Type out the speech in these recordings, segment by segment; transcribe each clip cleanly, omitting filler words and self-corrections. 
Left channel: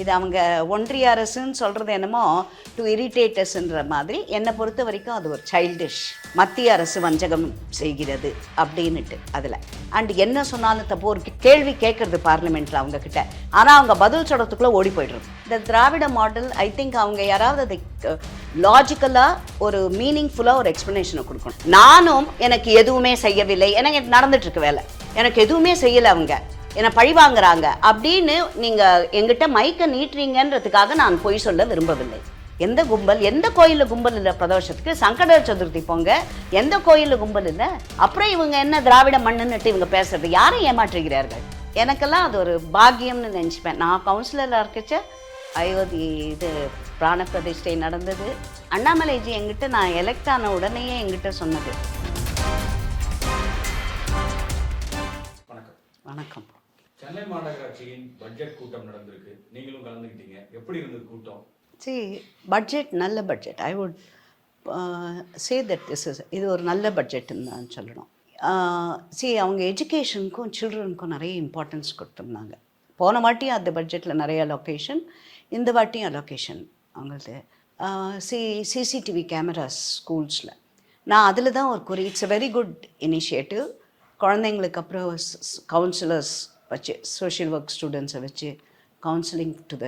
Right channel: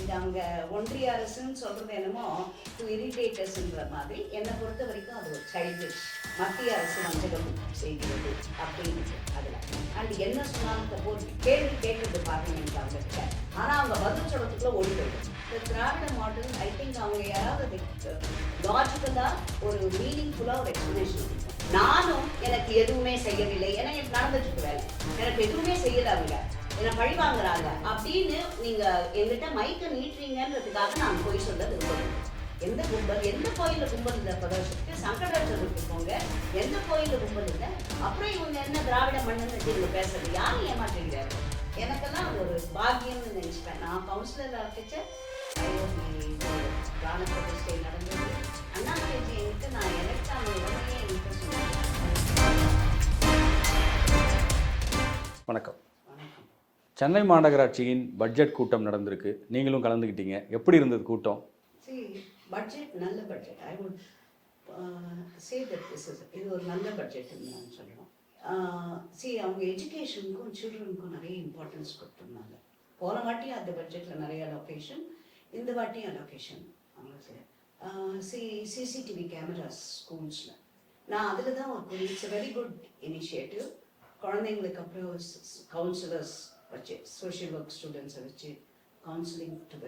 இது அவங்க ஒன்றிய அரசுன்னு சொல்கிறது என்னமோ டு இரிட்டேட்டஸ்ன்ற மாதிரி என்னை பொறுத்த வரைக்கும் அது ஒரு சைல்டிஷ். மத்திய அரசு வஞ்சகம் செய்கிறது அப்படின்னுட்டு அதில் அண்ட் என்ன சொன்னாலும் தப்போ ஒரு கேள்வி கேட்குறது பார்லிமெண்ட்டில் அவங்கக்கிட்ட, ஆனால் அவங்க பதில் சொல்கிறதுக்குள்ளே ஓடி போய்டுறது. இந்த திராவிட மாடல் ஐ திங்க் அவங்க யாராவது அதை லாஜிக்கலாக ஒரு மீனிங்ஃபுல்லாக ஒரு எக்ஸ்ப்ளனேஷனை கொடுக்கணும். நானும் எனக்கு எதுவுமே செய்யவில்லை, எனக்கு நடந்துட்டுருக்கு வேலை, எனக்கு எதுவுமே செய்யலை, அவங்க என்னை பழி வாங்குறாங்க அப்படின்னு நீங்கள் எங்கிட்ட மைக்கை நீட்டுறீங்கன்றதுக்காக நான் பொய் சொல்ல விரும்பவில்லை. எந்த கும்பல், எந்த கோயிலில் கும்பல் இல்லை பிரதோஷத்துக்கு? சங்கட சதுர்த்தி போங்க, எந்த கோயிலில் கும்பல் இல்லை? அப்புறம் இவங்க என்ன திராவிட மண்ணுன்னுட்டு இவங்க பேசுறது? யாரை ஏமாற்றுகிறார்கள்? எனக்கெல்லாம் அது ஒரு பாக்கியம்னு நினச்சிப்பேன். நான் கவுன்சிலராக இருக்கச்ச அயோத்தி இது பிராண பிரதிஷ்டை நடந்தது. அண்ணாமலைஜி எங்கிட்ட நான் எலெக்ட் ஆன உடனேயே எங்கிட்ட சொன்னது. வணக்கம். வணக்கம். சென்னை மாநகராட்சியின் பட்ஜெட் கூட்டம் நடந்திருக்கு, நீங்களும் கலந்துக்கிட்டீங்க. எப்படி இருந்தது கூட்டம்? பட்ஜெட் நல்ல budget. I would say that இது ஒரு நல்ல பட்ஜெட்டுன்னு நான் சொல்லணும். அவங்க எஜுகேஷனுக்கும் சில்ட்ரனுக்கும் நிறைய இம்பார்ட்டன்ஸ் கொடுத்துருந்தாங்க. போன வாட்டியும் அந்த பட்ஜெட்டில் நிறைய அலோகேஷன், இந்த வாட்டியும் அலோகேஷன் அவங்களுக்கு. சிசிடிவி கேமராஸ் ஸ்கூல்ஸில் நான் அதில் தான் ஒரு குறி. It's a very good initiative. குழந்தைங்களுக்கு அப்புறம் கவுன்சிலர்ஸ் வச்சு, சோஷியல் ஒர்க் ஸ்டூடெண்ட்ஸை வச்சு counselling to the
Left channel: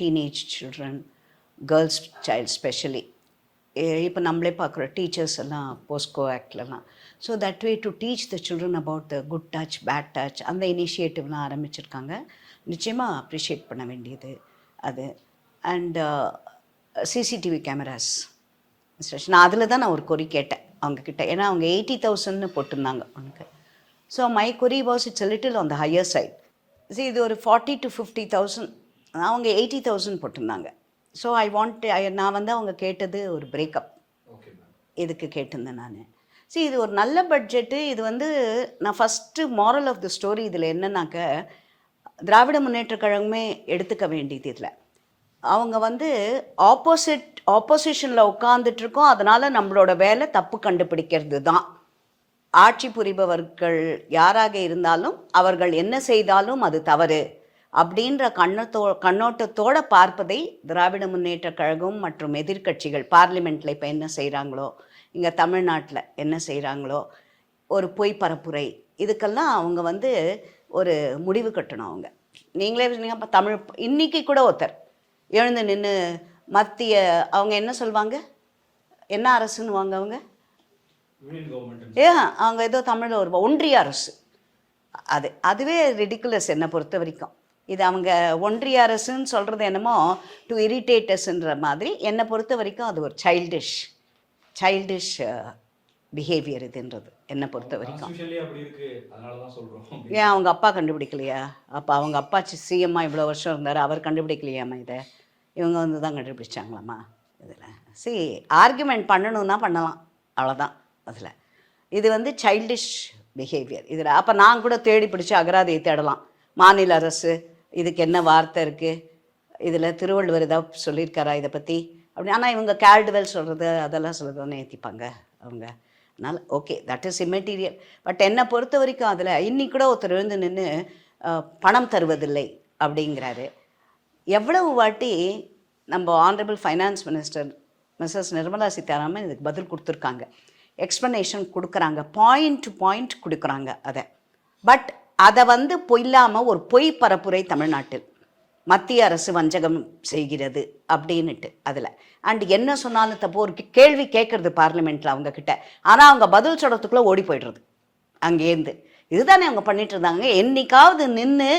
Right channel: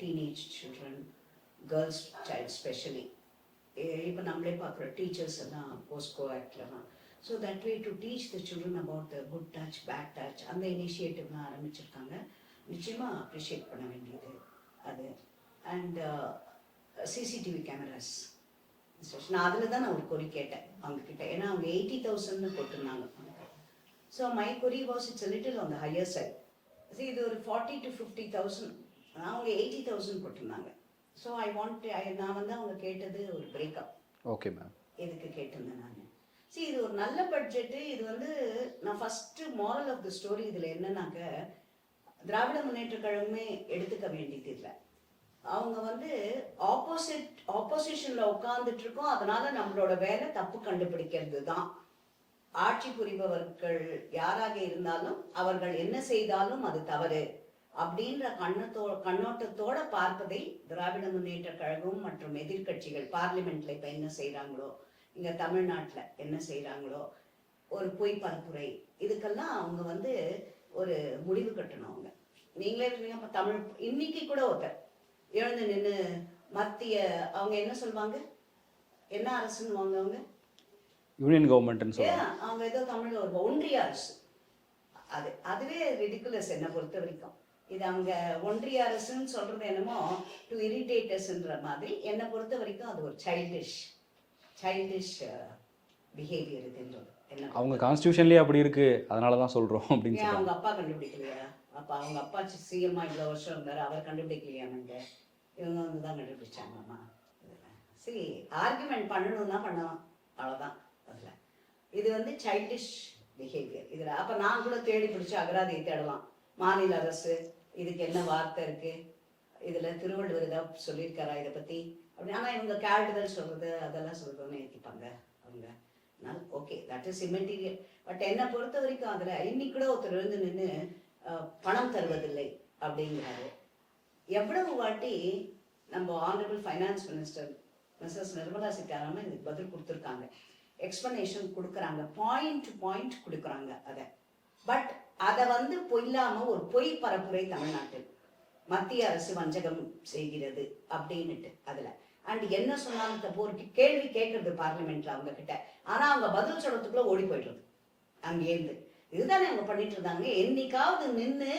teenage children, girls child specially. இப்போ நம்மளே பார்க்குறோம் டீச்சர்ஸ் எல்லாம் போஸ்கோ ஆக்ட்லலாம். So that way to teach the children about the good touch, bad touch, அந்த இனிஷியேட்டிவ்லாம் ஆரம்பிச்சிருக்காங்க. நிச்சயமாக அப்ரிஷியேட் பண்ண வேண்டியது அது. அண்ட் சிசிடிவி கேமராஸ் நான் அதில் தான் நான் ஒரு கொரி கேட்டேன் அவங்கக்கிட்ட. ஏன்னா அவங்க 80,000 போட்டிருந்தாங்க அவனுக்கு. So my query was it's a little on the higher side. இது ஒரு 40 to 50,000, அவங்க 80,000 போட்டிருந்தாங்க. ஸோ நான் அவங்க கேட்டது ஒரு பிரேக்கப். Okay ma'am. இதுக்கு கேட்டிருந்தேன் நான். இது ஒரு நல்ல பட்ஜெட்டு. இது நான் first moral of the story இதில் என்னன்னாக்க, திராவிட முன்னேற்ற கழகமே எடுத்துக்க வேண்டியது இதில். அவங்க ஆப்போசிஷனில் உட்காந்துட்ருக்கோம், அதனால் நம்மளோட வேலை தப்பு கண்டுபிடிக்கிறது தான். ஆட்சி புரிபவர்கள் யாராக இருந்தாலும் அவர்கள் என்ன செய்தாலும் அது தவறு அப்படின்ற கண்ணோட்டத்தோடு பார்ப்பதை திராவிட முன்னேற்ற கழகம் மற்றும் எதிர்க்கட்சிகள் பார்லிமெண்ட்டில் இப்போ என்ன செய்கிறாங்களோ, இங்கே தமிழ்நாட்டில் என்ன செய்கிறாங்களோ, ஒரு பொய் பரப்புரை, இதுக்கெல்லாம் அவங்க ஒரு முடிவு கட்டணும். நீங்கள் இப்போ தமிழ் இன்னைக்கு கூட ஒருத்தர் எழுந்து நின்று மத்திய அவங்க என்ன சொல்லுவாங்க, என்ன அரசுன்னுவாங்க அவங்க, யூனியன் கவர்மெண்ட், அவங்க ஏதோ தமிழில் ஒரு ஒன்றிய அரசு, அதுவே ரிடிகுலஸ் என்னை பொறுத்த வரைக்கும். இது அவங்க ஒன்றிய அரசுன்னு சொல்கிறது என்னமோ டு இரிட்டேட்டஸ்ன்ற மாதிரி என்னை பொறுத்த வரைக்கும் அது ஒரு சைல்டிஷ் பிஹேவியர் இதுன்றது என்னை பொறுத்த. கான்ஸ்டியூஷன்லேயே அப்படி இருக்குது, அதனால தான் சொல்கிறோம். ஏன் அவங்க அப்பா கண்டுபிடிக்கலையா? அப்போ அவங்க அப்பா சிஎம்மா இவ்வளோ வருஷம் இருந்தார், அவர் கண்டுபிடிக்கலையாம்மா இதை? இவங்க தான் கண்டுபிடிச்சாங்களாம்மா இதில்? ஆர்குமெண்ட் பண்ணணுன்னா பண்ணலாம், அவ்வளோதான். அதில் இது சைல்டிஷ் பிஹேவியர் இதில். அப்போ நான் கூட தேடி பிடிச்சி அகராதியை தேடலாம். மாநில அரசு இதுக்கு என்ன வார்த்தை இருக்குது, இதில் திருவள்ளுவர் ஏதாவது சொல்லியிருக்காரா இதை பற்றி அப்படி. ஆனால் இவங்க கேல்டுவெல் சொல்கிறது அதெல்லாம் சொல்கிறதானே ஏற்றிப்பாங்க அவங்க. அதனால் okay, that is immaterial. But என்னை பொறுத்த வரைக்கும் அதில் இன்னைக்கு கூட ஒருத்தர் எழுந்து நின்று பணம் தருவதில்லை அப்படிங்கிறாரு. எவ்வளவு வாட்டி நம்ம honourable finance minister Mrs Nirmala Sitharaman இதுக்கு பதில் கொடுத்துருக்காங்க, எக்ஸ்ப்ளனேஷன் கொடுக்குறாங்க, பாயிண்ட் டு பாயிண்ட் கொடுக்குறாங்க அதை. பட் அதை இல்லாமல் ஒரு பொய் பரப்புரை தமிழ்நாட்டில் மத்திய அரசு வஞ்சகம் செய்கிறது அப்படின்னுட்டு அதில் அண்ட் என்ன சொன்னாலும் தப்போ ஒரு கேள்வி கேட்குறது பார்லிமெண்ட்டில் அவங்கக்கிட்ட, ஆனால் அவங்க பதில் சொல்கிறதுக்குள்ளே ஓடி போய்டுறது அங்கேருந்து. இதுதானே அவங்க பண்ணிட்டு இருந்தாங்க. என்னைக்காவது நின்று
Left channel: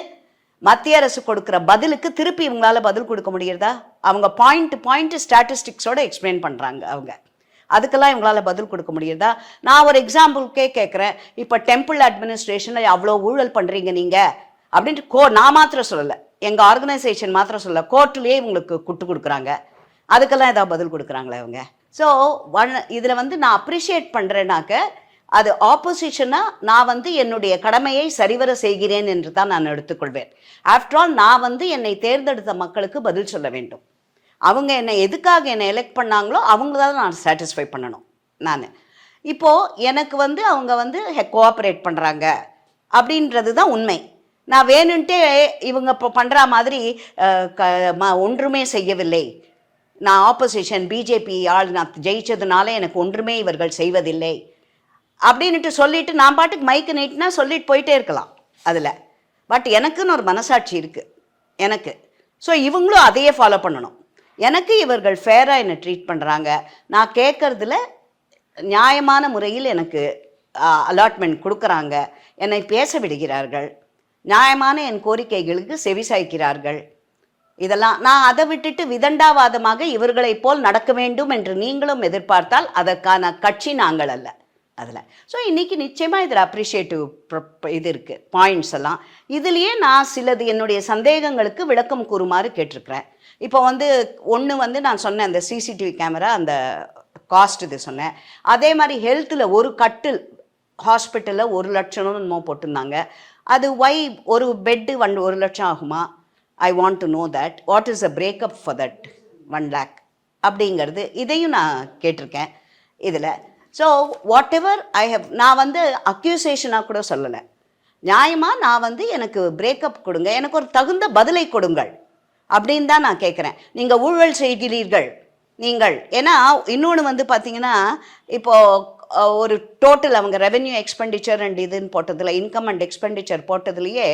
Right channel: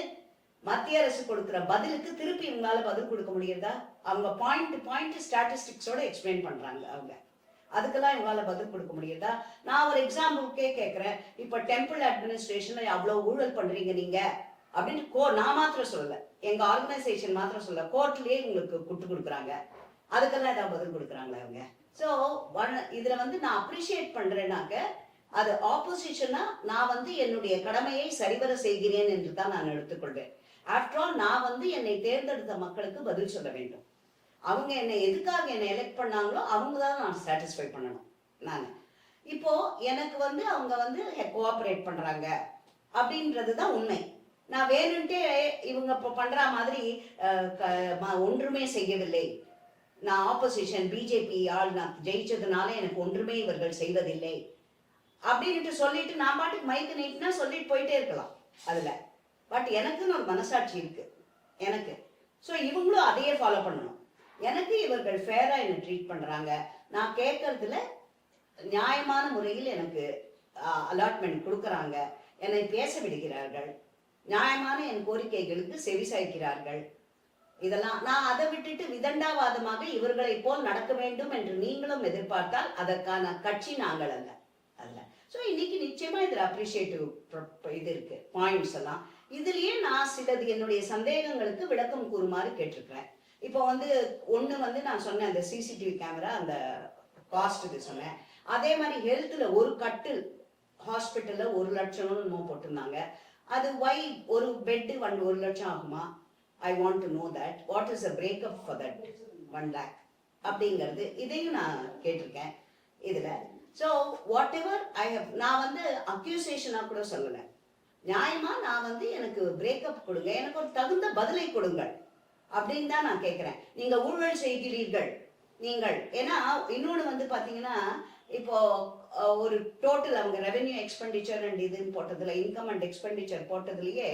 மத்திய அரசு கொடுக்குற பதிலுக்கு திருப்பி இவங்களால பதில் கொடுக்க முடியுறதா? அவங்க பாயிண்ட் ஸ்டாட்டிஸ்டிக்ஸோடு எக்ஸ்பிளைன் பண்ணுறாங்க அவங்க, அதுக்கெல்லாம் இவங்களால பதில் கொடுக்க முடியுதா? நான் ஒரு எக்ஸாம்பிளுக்கே கேட்குறேன். இப்போ டெம்பிள் அட்மினிஸ்ட்ரேஷனில் அவ்வளோ ஊழல் பண்ணுறீங்க நீங்கள் அப்படின்ட்டு நான் மாத்திரம் சொல்லலை, எங்கள் ஆர்கனைசேஷன் மாத்திரம் சொல்லலை, கோர்ட்லேயே இவங்களுக்கு குட்டு கொடுக்குறாங்க. அதுக்கெல்லாம் ஏதாவது பதில் கொடுக்குறாங்களே அவங்க? ஸோ இதில் நான் அப்ரிஷியேட் பண்ணுறேன்னாக்க அது ஆப்போசிஷனாக நான் என்னுடைய கடமையை சரிவர செய்கிறேன் என்று தான் நான் எடுத்துக்கொள்வேன். ஆஃப்டர் ஆல் நான் என்னை தேர்ந்தெடுத்த மக்களுக்கு பதில் சொல்ல வேண்டும். அவங்க எதுக்காக என்னை எலெக்ட் பண்ணாங்களோ அவங்க தான் நான் சாட்டிஸ்ஃபை பண்ணணும். நான் இப்போது எனக்கு அவங்க கோஆப்ரேட் பண்ணுறாங்க அப்படின்றது தான் உண்மை. நான் வேணுன்ட்டே இவங்க இப்போ பண்ணுற மாதிரி ஒன்றுமே செய்யவில்லை, நான் ஆப்போசிஷன் பிஜேபி ஆள், நான் ஜெயிச்சதுனால எனக்கு ஒன்றுமே இவர்கள் செய்வதில்லை அப்படின்ட்டு சொல்லிட்டு நான் பாட்டுக்கு மைக்கு நீட்டினா சொல்லிட்டு போயிட்டே இருக்கலாம் அதில். பட் எனக்குன்னு ஒரு மனசாட்சி இருக்குது எனக்கு. ஸோ இவங்களும் அதையே ஃபாலோ பண்ணணும். எனக்கு இவர்கள் ஃபேராக என்னை ட்ரீட் பண்ணுறாங்க, நான் கேட்குறதுல நியாயமான முறையில் எனக்கு அலாட்மெண்ட் கொடுக்குறாங்க, என்னை பேச விடுகிறார்கள், நியாயமான என் கோரிக்கைகளுக்கு செவிசாய்க்கிறார்கள். இதெல்லாம் நான் அதை விட்டுட்டு விதண்டாவாதமாக இவர்களைப் போல் நடக்க வேண்டும் என்று நீங்களும் எதிர்பார்த்தால் அதற்கான கட்சி நாங்கள் அல்ல அதில். ஸோ இன்றைக்கி நிச்சயமாக இதில் அப்ரிஷியேட்டிவ் இது இருக்குது, பாயிண்ட்ஸ் எல்லாம். இதுலேயே நான் சிலது என்னுடைய சந்தேகங்களுக்கு விளக்கம் கூறுமாறு கேட்டிருக்கிறேன். இப்போ ஒன்று நான் சொன்னேன், அந்த சிசிடிவி கேமரா அந்த காஸ்ட் இது சொன்னேன். அதே மாதிரி ஹெல்த்தில் ஒரு கட்டில் ஹாஸ்பிட்டலில் 1 லட்சம்னு என்னமோ போட்டிருந்தாங்க. அது ஒரு பெட்டு 1 லட்சம் ஆகுமா? I want to know that. What is a breakup for that 1 lakh அப்படிங்கிறது இதையும் நான் கேட்டிருக்கேன் இதில். So whatever I have, நான் அக்யூசேஷனாக கூட சொல்லலை, நியாயமாக நான் எனக்கு பிரேக்கப் கொடுங்க, எனக்கு ஒரு தகுந்த பதிலை கொடுங்கள் அப்படின்னு தான் நான் கேட்குறேன். நீங்கள் ஊழல் செய்கிறீர்கள் நீங்கள். ஏன்னா இன்னொன்று பார்த்தீங்கன்னா, இப்போது ஒரு டோட்டல் அவங்க ரெவென்யூ எக்ஸ்பெண்டிச்சர் அண்ட் இதுன்னு போட்டதில், இன்கம் அண்ட் எக்ஸ்பெண்டிச்சர் போட்டதுலேயே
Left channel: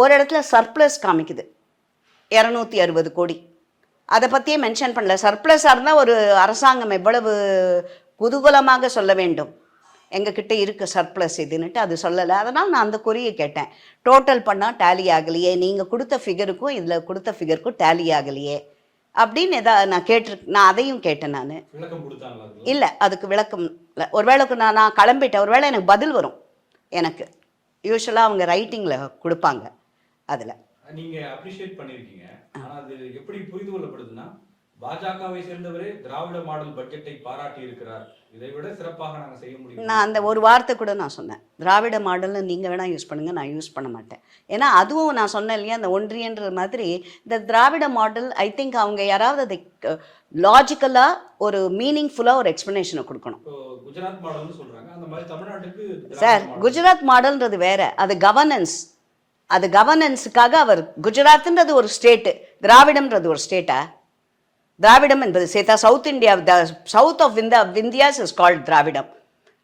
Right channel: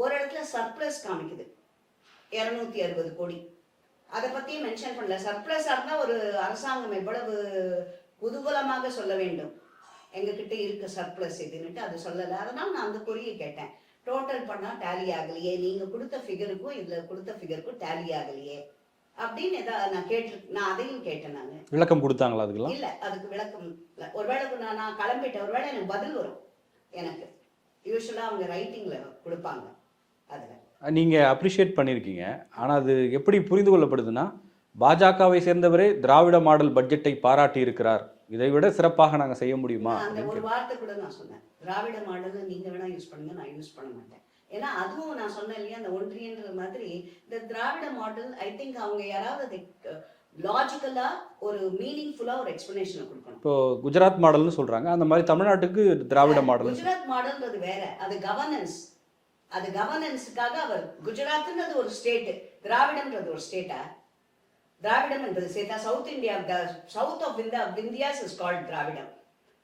ஒரு இடத்துல சர்ப்ளஸ் காமிக்குது 260 கோடி. அதை பற்றியே மென்ஷன் பண்ணல. சர்ப்ளஸாக இருந்தால் ஒரு அரசாங்கம் எவ்வளவு குதூகலமாக சொல்ல வேண்டும், எங்ககிட்ட இருக்குது சர்ப்ளஸ் இதுன்னுட்டு, அது சொல்லலை. அதனால் நான் அந்த குறியை கேட்டேன், டோட்டல் பண்ணால் டேலி ஆகலையே, நீங்கள் கொடுத்த ஃபிகருக்கும் இதில் கொடுத்த ஃபிகருக்கும் டேலி ஆகலையே அப்படின்னு நான் அதையும் கேட்டேன். நான் விளக்கம் கொடுத்தாங்களா? அதுக்கு இல்லை, அதுக்கு விளக்கம் இல்லை. ஒருவேளைக்கு நான் கிளம்பிட்டேன், ஒருவேளை எனக்கு பதில் வரும். எனக்கு யூஸ்வலாக அவங்க ரைட்டிங்கில் கொடுப்பாங்க. அதில் நீங்கள் அப்ரிஷியேட் பண்ணியிருக்கீங்க. ஆனால் அது எப்படி புரிந்து கொள்ளப்படுதுன்னா, பாஜகவை சேர்ந்தவரே திராவிட மாடல் பட்ஜெட்டை பாராட்டி இருக்கிறார், இதை விட சிறப்பாக நாங்கள் செய்ய முடியும். நான் அந்த ஒரு வார்த்தை கூட நான் சொன்னேன், திராவிட மாடல்னு நீங்கள் வேணால் யூஸ் பண்ணுங்கள், நான் யூஸ் பண்ண மாட்டேன். ஏன்னா அதுவும் நான் சொன்னேன் இல்லையா, அந்த ஒன்றியன்ற மாதிரி இந்த திராவிட மாடல், ஐ திங்க் அவங்க யாராவது அதை லாஜிக்கலாக ஒரு மீனிங்ஃபுல்லாக ஒரு எக்ஸ்ப்ளனேஷனை கொடுக்கணும். இப்போ குஜராத் மாடல்னு சொல்கிறாங்க, அந்த மாதிரி தமிழ்நாட்டுக்கு திராவிட மாடல். குஜராத் மாடல்ன்றது வேற, அது கவர்னன்ஸ். அது கவர்னன்ஸுக்காக அவர், குஜராத்ன்றது ஒரு ஸ்டேட்டு, திராவிடம்ன்றது ஒரு ஸ்டேட்டா? திராவிடம் என்பது சேர்த்தா south India, the south of India's is called Dravidam.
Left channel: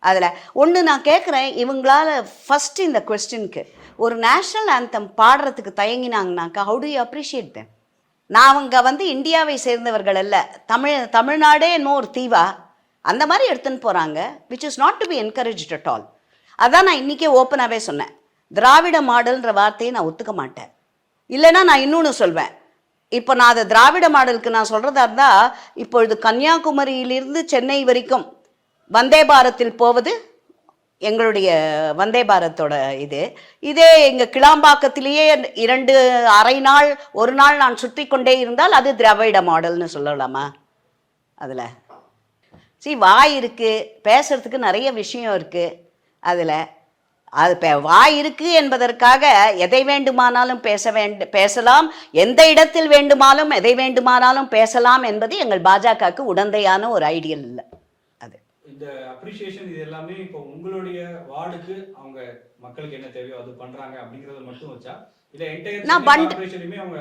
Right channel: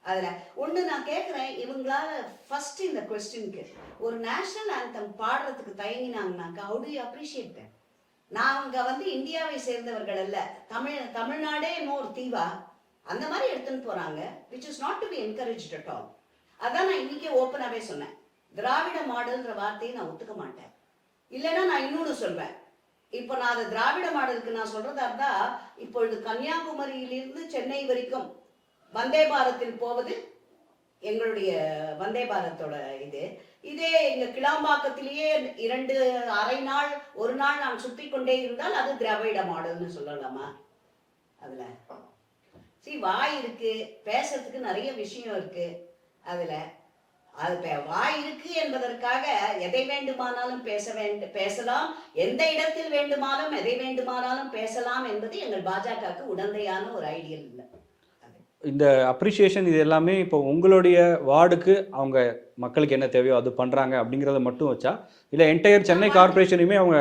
அதில் ஒன்று நான் கேட்குறேன், இவங்களால ஃபஸ்ட்டு இந்த கொஸ்டினுக்கு ஒரு நேஷ்னல் ஆந்தம் பாடுறதுக்கு தயங்கினாங்கனாக்கா, how do you appreciate them? நான் அவங்க இந்தியாவை சேர்ந்தவர்கள் அல்ல, தமிழ்நாடே இன்னொரு தீவா அந்த மாதிரி எடுத்துன்னு போகிறாங்க, which is not to be encouraged at all. அதான் நான் இன்றைக்கே ஓப்பனாகவே சொன்னேன், திராவிட மாடல்ன்ற வார்த்தையை நான் ஒத்துக்க மாட்டேன். இல்லைன்னா நான் இன்னொன்று சொல்வேன், இப்போ நான் அதை திராவிட மாடலுக்கு நான் சொல்கிறதா இருந்தால், இப்பொழுது கன்னியாகுமரியிலிருந்து சென்னை வரைக்கும் வந்தே பாரத்தில் போவது எங்களுடைய வந்தே பாரத்தோட இதே எங்கள் கிளாம்பாக்கத்திலேயே 2 அரை நாள் 1 நாள் நான் சுற்றி கொண்டே இருந்தால் அது திராவிட மாடல்னு சொல்லலாமா? அதில் வாய் இருக்குது, பேசுறதுக்கு நிறைய விஷயம் இருக்குது. அதில் அது வாய் இருக்குது என்பதற்காக எதை வேண்டுமானாலும் பேசலாம், எந்த இடத்தில் வேண்டுமானாலும் எதை வேண்டுமானாலும் பேசலாம் என்பது எங்கள் பாஜகவுக்கு உடந்தையான ஒரு ஐடியல் இல்லை. அது இந்த அப்ரிஷியேஷன் இது எல்லாமே இப்போ உங்களுடைய வார்டுக்கு அவங்க மக்களுக்கு என்ன தேவையோ அது பண்ணுறாங்க அப்படிங்கிறத மட்டும் வச்சா, இல்லை என்டையர் சென்னை கார்பரேஷனையுமே அவங்க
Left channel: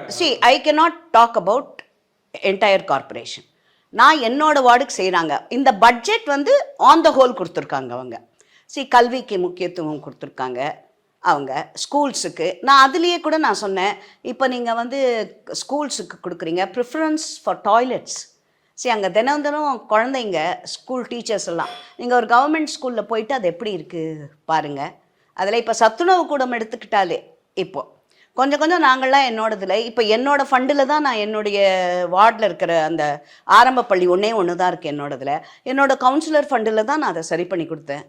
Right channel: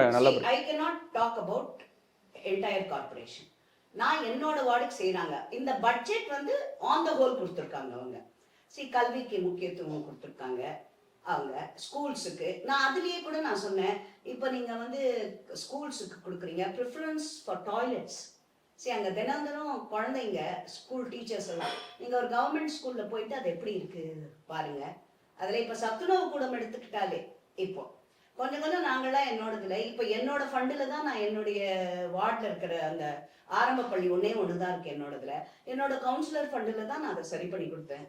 I cannot talk about entire corporation. நான் என்னோட வார்டுக்கு செய்கிறாங்க. இந்த பட்ஜெட் ஆன் த ஹோல் கொடுத்துருக்காங்க அவங்க. கல்விக்கு முக்கியத்துவம் கொடுத்துருக்காங்க அவங்க, ஸ்கூல்ஸுக்கு. நான் அதுலேயே கூட நான் சொன்னேன், இப்போ நீங்கள் ஸ்கூல்ஸுக்கு கொடுக்குறீங்க ப்ரிஃபரன்ஸ் ஃபார் டாய்லெட்ஸ். அங்கே தினம் குழந்தைங்க, ஸ்கூல் டீச்சர்ஸ் எல்லாம், நீங்கள் ஒரு கவர்மெண்ட் ஸ்கூலில் போயிட்டு அது எப்படி இருக்குது பாருங்கள். அதில் இப்போ சத்துணவு கூடம் எடுத்துக்கிட்டாலே இப்போது கொஞ்சம் நாங்கள்லாம் என்னோடதில், இப்போ என்னோடய ஃபண்டில் தான் நான் என்னுடைய வார்டில் இருக்கிற அந்த ஆரம்ப பள்ளி ஒன்று தான் இருக்குது என்னோடதில். என்னோடய கவுன்சிலர் ஃபண்டில் தான் நான் அதை சரி பண்ணி கொடுத்தேன்.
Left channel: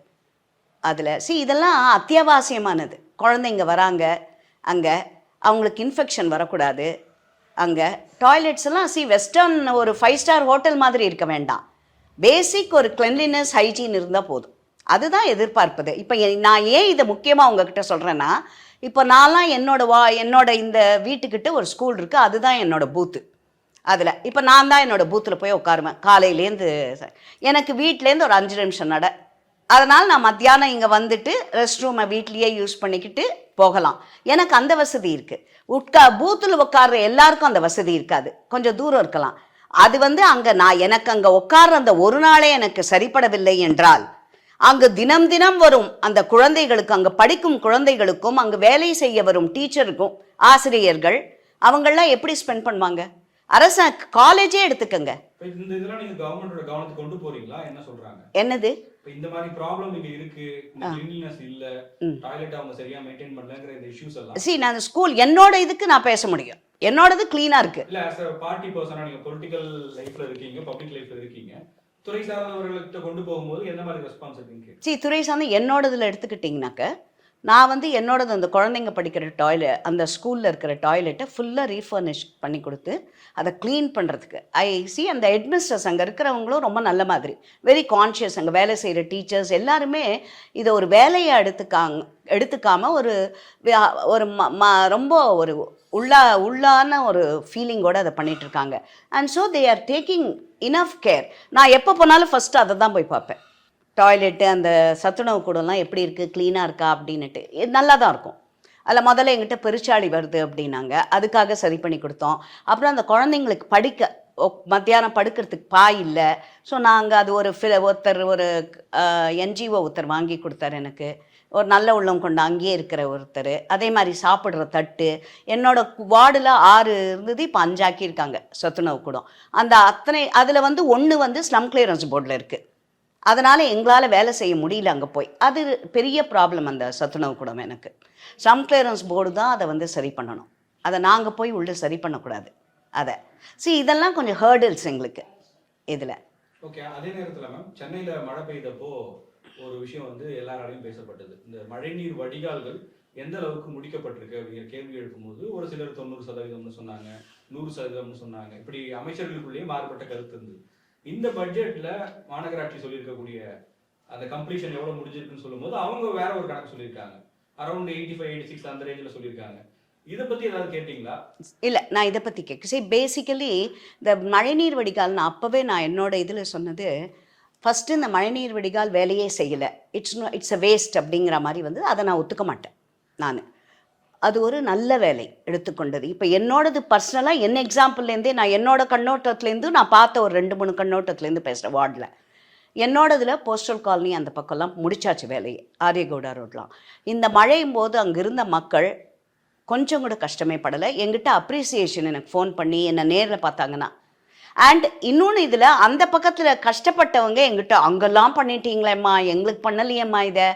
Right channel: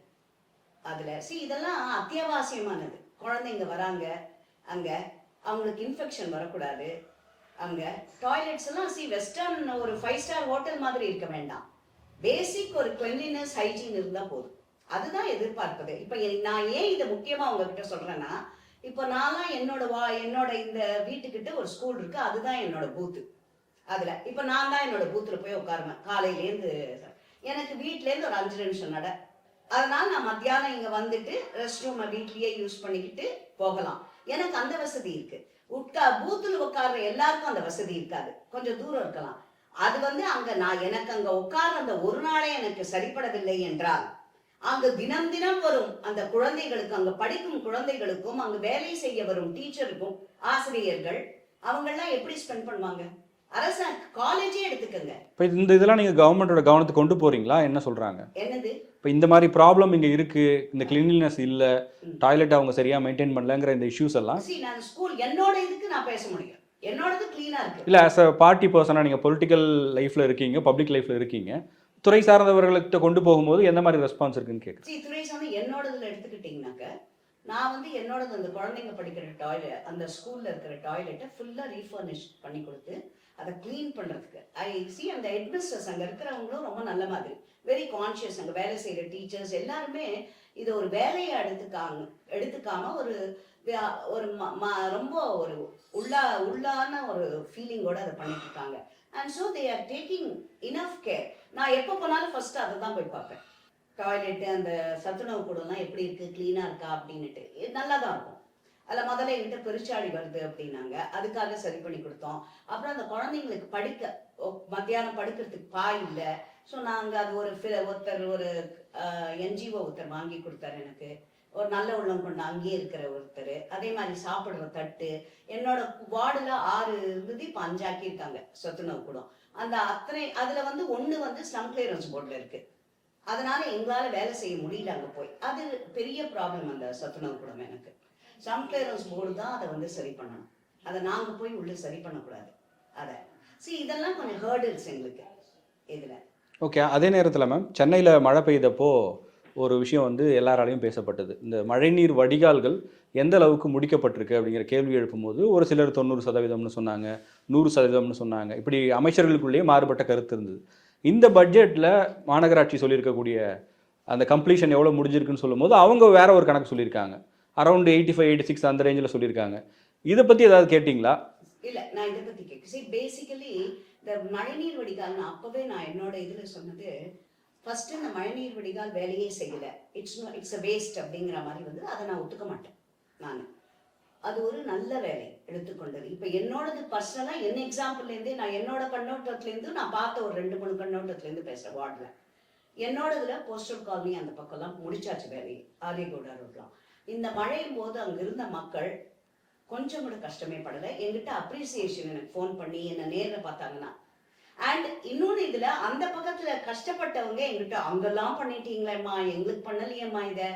அதில் இதெல்லாம் அத்தியாவசியமானது. குழந்தைங்க வராங்க, அங்கே அவங்களுக்கு இன்ஃபெக்ஷன் வரக்கூடாது. அங்கே டாய்லெட்ஸ் எல்லாம் வெஸ்டர்ன் ஒரு 5 ஸ்டார் ஹோட்டல் மாதிரி இருக்க வேண்டாம், பேசிக் ஒரு கிளென்லினஸ் ஹைஜீன் இருந்தால் போதும். அதுதான் எதிர்பார்ப்பது. இப்போ நான் ஏன் இதை முக்கியமாக உங்ககிட்ட சொல்கிறேன்னா, இப்போ நான்லாம் என்னோட இந்த வீட்டுக்கிட்ட ஒரு ஸ்கூல் இருக்குது, அதுதான் என்னோட பூத்து. அதில் இப்போ நான் தான் என்னோடய பூத்தில் போய் உட்காருவேன் காலையிலேருந்து. எனக்கு வீட்டிலேருந்து ஒரு 5 நிமிஷம் நட. அதனால் நான் மத்தியானம் இங்கே ரெஸ்ட் ரூமை வீட்லேயே யூஸ் பண்ணிக்கிட்டு போகலாம். எனக்கு அந்த வசதி இருக்குது. பூத்தில் உட்கார்ற எல்லாருக்கும் அந்த வசதி இருக்காது, கொஞ்சம் தூரம் இருக்கலாம். அது வந்து அங்கே எனக்கு அங்கே உட்கார்ற அந்த ஒரு நாளே எனக்கு சரிப்படவில்லை என்றால், அங்கு தினம் தினம் வரும் அந்த குழந்தைகளுக்கு, அங்கே படிக்கும் குழந்தைகளுக்கும், அங்கு வேலை செய்ய வரும் டீச்சருக்கும், ஆசிரியர்கள், அவங்களாம் எப்படி ஸ்பெண்ட் பண்ணுவாங்க? அரசு காலேஜே எடுத்துக்கங்க. இப்போ இதெல்லாம் நீங்கள் கவர்மெண்டோட கவனத்துக்கு கொண்டு போறீங்களா? என்ன சொல்கிறாங்க? என்னது? இப்போ இந்த மாதிரி ப்ராப்ளம் இங்கே இருக்குது, இந்த கிளீன்லினஸ் இல்லை, டாய்லெட் அவங்க சரியாக மெயின்டைன் பண்ணலங்கிற இந்த இஷ்யூஸ் எல்லாம் நான் ஸ்கூல் என்னோட இதுக்கு நான் பேச முடியும், என்னோடது க்ளீனாக இருக்குது. இல்லை, ஆஸ் அ பார்ட்டி பர்சனாக நீங்கள் பொலிட்டிக்கல் லைஃப்பில் இருக்கீங்க, பப்ளிக் லைஃப்பில் இருக்கீங்க, துறை சார்ந்தவர்கள்கிட்ட கொண்டு போகும்போது எந்த மாதிரி ரெஸ்பான்ஸ் இருக்குன்னு கேட்கு. துறை சார்ந்த என்னோடதில் எடுத்துக்கிட்டிங்கனாக்க, நான் வந்து என்னோடது அந்த குழந்தைங்க படிக்கிற டாய்லெட், அந்த ஸ்கூலில் இருக்கிற டாய்லெட்டை ஃபுல்லாக ரீஃபர்னிஷ் பண்ணி கொடுத்து அதை க்ளீன் பண்ணுறதுக்கு அந்த ஹெட்மிஸ்டர்ஸ் அங்கே இருக்கிறவங்களும் ரொம்ப நல்ல மாதிரி, வெரி கான்ஷியஸ். அங்கே வேலை செய்கிற டீச்சர்ஸ் எல்லாருமே இதை ஒரு வேலையை எடுத்துக்காமல் ஒரு ரொம்ப ஒரு உள்ளான ஒரு ஃபீலிங்கோடு அதை பண்ணிகிட்ருக்காங்க. And so they are taking enough care. நான் எப்போ போனாலும் ஃபஸ்ட்டு அதை தான் போய் பார்ப்பேன். டாய்லெட்டு, அந்த சத்துணவு கூடலாம் எப்படி இருக்குது, க்ளீனாக இருக்கா அப்படின்னுட்டு. நல்லா தான் இருக்கும். அதில் முதல்ல எங்கிட்ட பெருச்சாளி வருது அப்படின்னாங்க, அதுக்காக சரி பண்ணி கொடுத்தோம். அப்புறம் அந்த குழந்தைங்களுக்கு மத்தியானம் படுக்கிறதுக்கு பாய் இல்லை. ஸோ நாங்கள் அது ஒரு என்ஜிஓ ஒருத்தர் வாங்கி கொடுத்தாரு எனக்கு, ஒரு நல்ல உள்ளம் கொண்டு அங்கேயே இருக்கிற ஒருத்தர். அதே மாதிரி சாப்பிட்ற தட்டு, என்னோட வார்டில் 6 இருந்தது, இப்போ 5 ஆக்கியிருக்காங்க சத்துணவு கூடம். அந்த அதில் வந்து 1 வந்து ஸ்லம் கிளியரன்ஸ் போர்டில் இருக்குது. அதனால் எங்களால் வேலை செய்ய முடியல அங்கே போய். அது பெரிய ப்ராப்ளம் அந்த சத்துணவு கூடம் எனக்கு. ஸ்லம் கிளியரன்ஸ் போர்டு தான் அதை வந்து சரி பண்ணணும், அதை நாங்கள் போய் உள்ளே சரி பண்ணக்கூடாது. அதை இதெல்லாம் கொஞ்சம் ஹேர்டில்ஸ் எங்களுக்கு இதில். ஓகே. அதே நேரத்தில் மேம், சென்னையில் மழை பெய்தப்போ ஒரு விஷயம் வந்து எல்லாராலையும் பேசப்பட்டது. இந்த மழைநீர் வடிகால்கள் எந்த அளவுக்கு முடிக்கப்பட்டிருக்கு அப்படிங்கிற கேள்வி எழுப்பும்போது ஒரு சிலர் 90% சொன்னாங்க, 100% சொன்னாங்க. இப்படி அமைச்சர்களுக்குள்ளேயே மாறுபட்ட கருத்து இருந்தது. இந்த பட்ஜெட்டில் மாநகராட்சி சொல்லியிருக்கக்கூடிய அந்த கம்ப்ளீஷன் எவ்வளோ முடிஞ்சிருக்குன்னு சொல்லும்போது அவங்க வேற ஒரு கணக்கு சொல்லியிருக்காங்க, அரௌண்ட் 85-86 அந்த ரேஞ்சில் சொல்லியிருக்காங்க. இதை பற்றி ஏதாவது கேட்டிங்களா? இல்லை, நான் இதை பற்றி பேசிக்கலி இந்த மழைநீர் வடிகால் அப்போவே நான் என்னோட இதில் சொன்னது, ஃபஸ்ட்டு இந்த மழைநீர் வடிகால் வேலையே செய்யலை, இட்ஸ் அ வேஸ்ட் அப்படிங்கிற மாதிரி வந்து அதை நான் ஒத்துக்க மாட்டேன். அது ஒரு நல்ல வேலை எடுத்துக்கொண்டது. இப்போ என்னோடது பர்சனலாக என்ன எக்ஸாம்பிள்லேருந்தே நான் என்னோட கண்ணோட்டத்துலேருந்து நான் பார்த்த ஒரு 2-3 கண்ணோட்டத்துலேருந்து பேசுகிறேன். வார்டில் என்னோடதில் போஸ்டல் காலனி அந்த பக்கம்லாம் முடிச்சாச்சு வேலையை, ஆரியகவுடா ரோட்லாம். இந்த மழையும் போது அங்கே இருந்த மக்கள் கொஞ்சம் கூட கஷ்டமே படலை. எங்கிட்ட அப்ரிசியேஷன் எனக்கு ஃபோன் பண்ணி என்னை நேரில் பார்த்தாங்கன்னா. அண்ட் இன்னொன்று இதில் அந்த பக்கத்தில் கஷ்டப்பட்டவங்க எங்கிட்ட, அங்கெல்லாம் பண்ணிட்டீங்களேம்மா, எங்களுக்கு பண்ணலையேம்மா இதை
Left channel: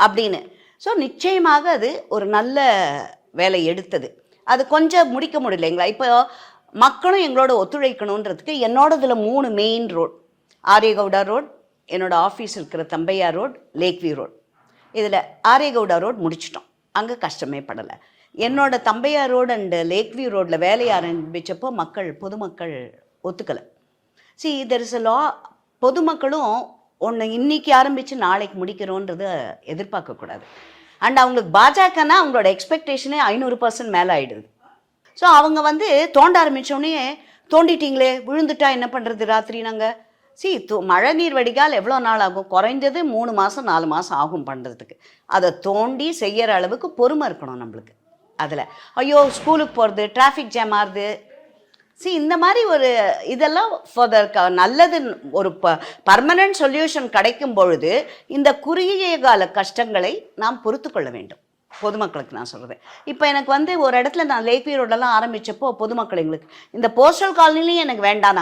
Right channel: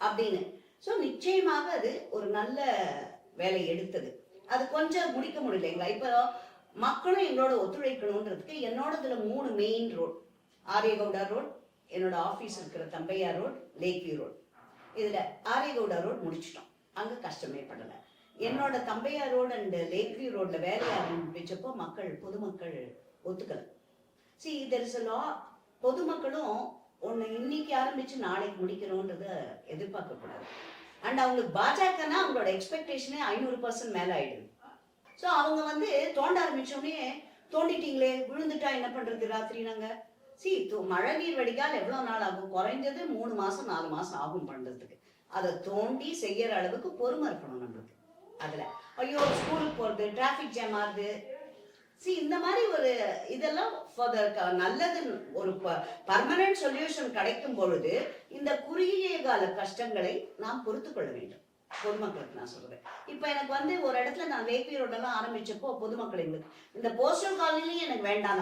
அப்படின்னு. ஸோ நிச்சயமாக அது ஒரு நல்ல வேலை எடுத்தது. அது கொஞ்சம் முடிக்க முடியலைங்களா? இப்போ மக்களும் எங்களோட ஒத்துழைக்கணுன்றதுக்கு என்னோடதில் 3 மெயின் ரோட், ஆரியகவுடா ரோட், என்னோட ஆஃபீஸ் இருக்கிற Thambaiya road, lake view road. இதில் ஆரியகவுடா ரோட் முடிச்சிட்டோம், அங்கே கஷ்டமே படலை. என்னோட Thambaiya road and lake view ரோட்டில் வேலையை ஆரம்பித்தப்போ பொதுமக்கள் ஒத்துக்கலை. தெர் இஸ் அ லா. பொதுமக்களும் ஒன்று இன்னைக்கு ஆரம்பித்து நாளைக்கு முடிக்கிறோன்றதை எதிர்பார்க்கக்கூடாது. அண்ட் அவங்களுக்கு பாஜகனா அவங்களோட எக்ஸ்பெக்டேஷனே 500% மேலே ஆகிடுது. ஸோ அவங்க வந்து தோண்ட ஆரம்பித்தோடனே, தோண்டிட்டீங்களே விழுந்துட்டா என்ன பண்ணுறது ராத்திரி நாங்கள் மழை நீர் வடிகால் எவ்வளோ நாள் ஆகும்? குறைஞ்சது 3 மாதம் 4 மாதம் ஆகும் பண்ணுறதுக்கு. அதை தோண்டி செய்கிற அளவுக்கு பொறுமை இருக்கணும் நம்மளுக்கு. அதில் ஐயோ ஸ்கூலுக்கு போகிறது, டிராஃபிக் ஜாம் ஆகுது. இந்த மாதிரி ஒரு இதெல்லாம் நல்லது. ஒரு பர்மனன்ட் சொல்யூஷன் கிடைக்கும் பொழுது இந்த குறுகிய கால கஷ்டங்களை நாம் பொறுத்து கொள்ள வேண்டும். பொதுமக்களுக்கு நான் சொல்கிறேன். இப்போ எனக்கு வந்து ஒரு இடத்துல நான் லேக் வியூ ரோடெல்லாம் ஆரம்பித்தப்போ பொதுமக்கள் எங்களுக்கு இந்த போஸ்டல் காலனிலையும் எனக்கு வேண்டாம்,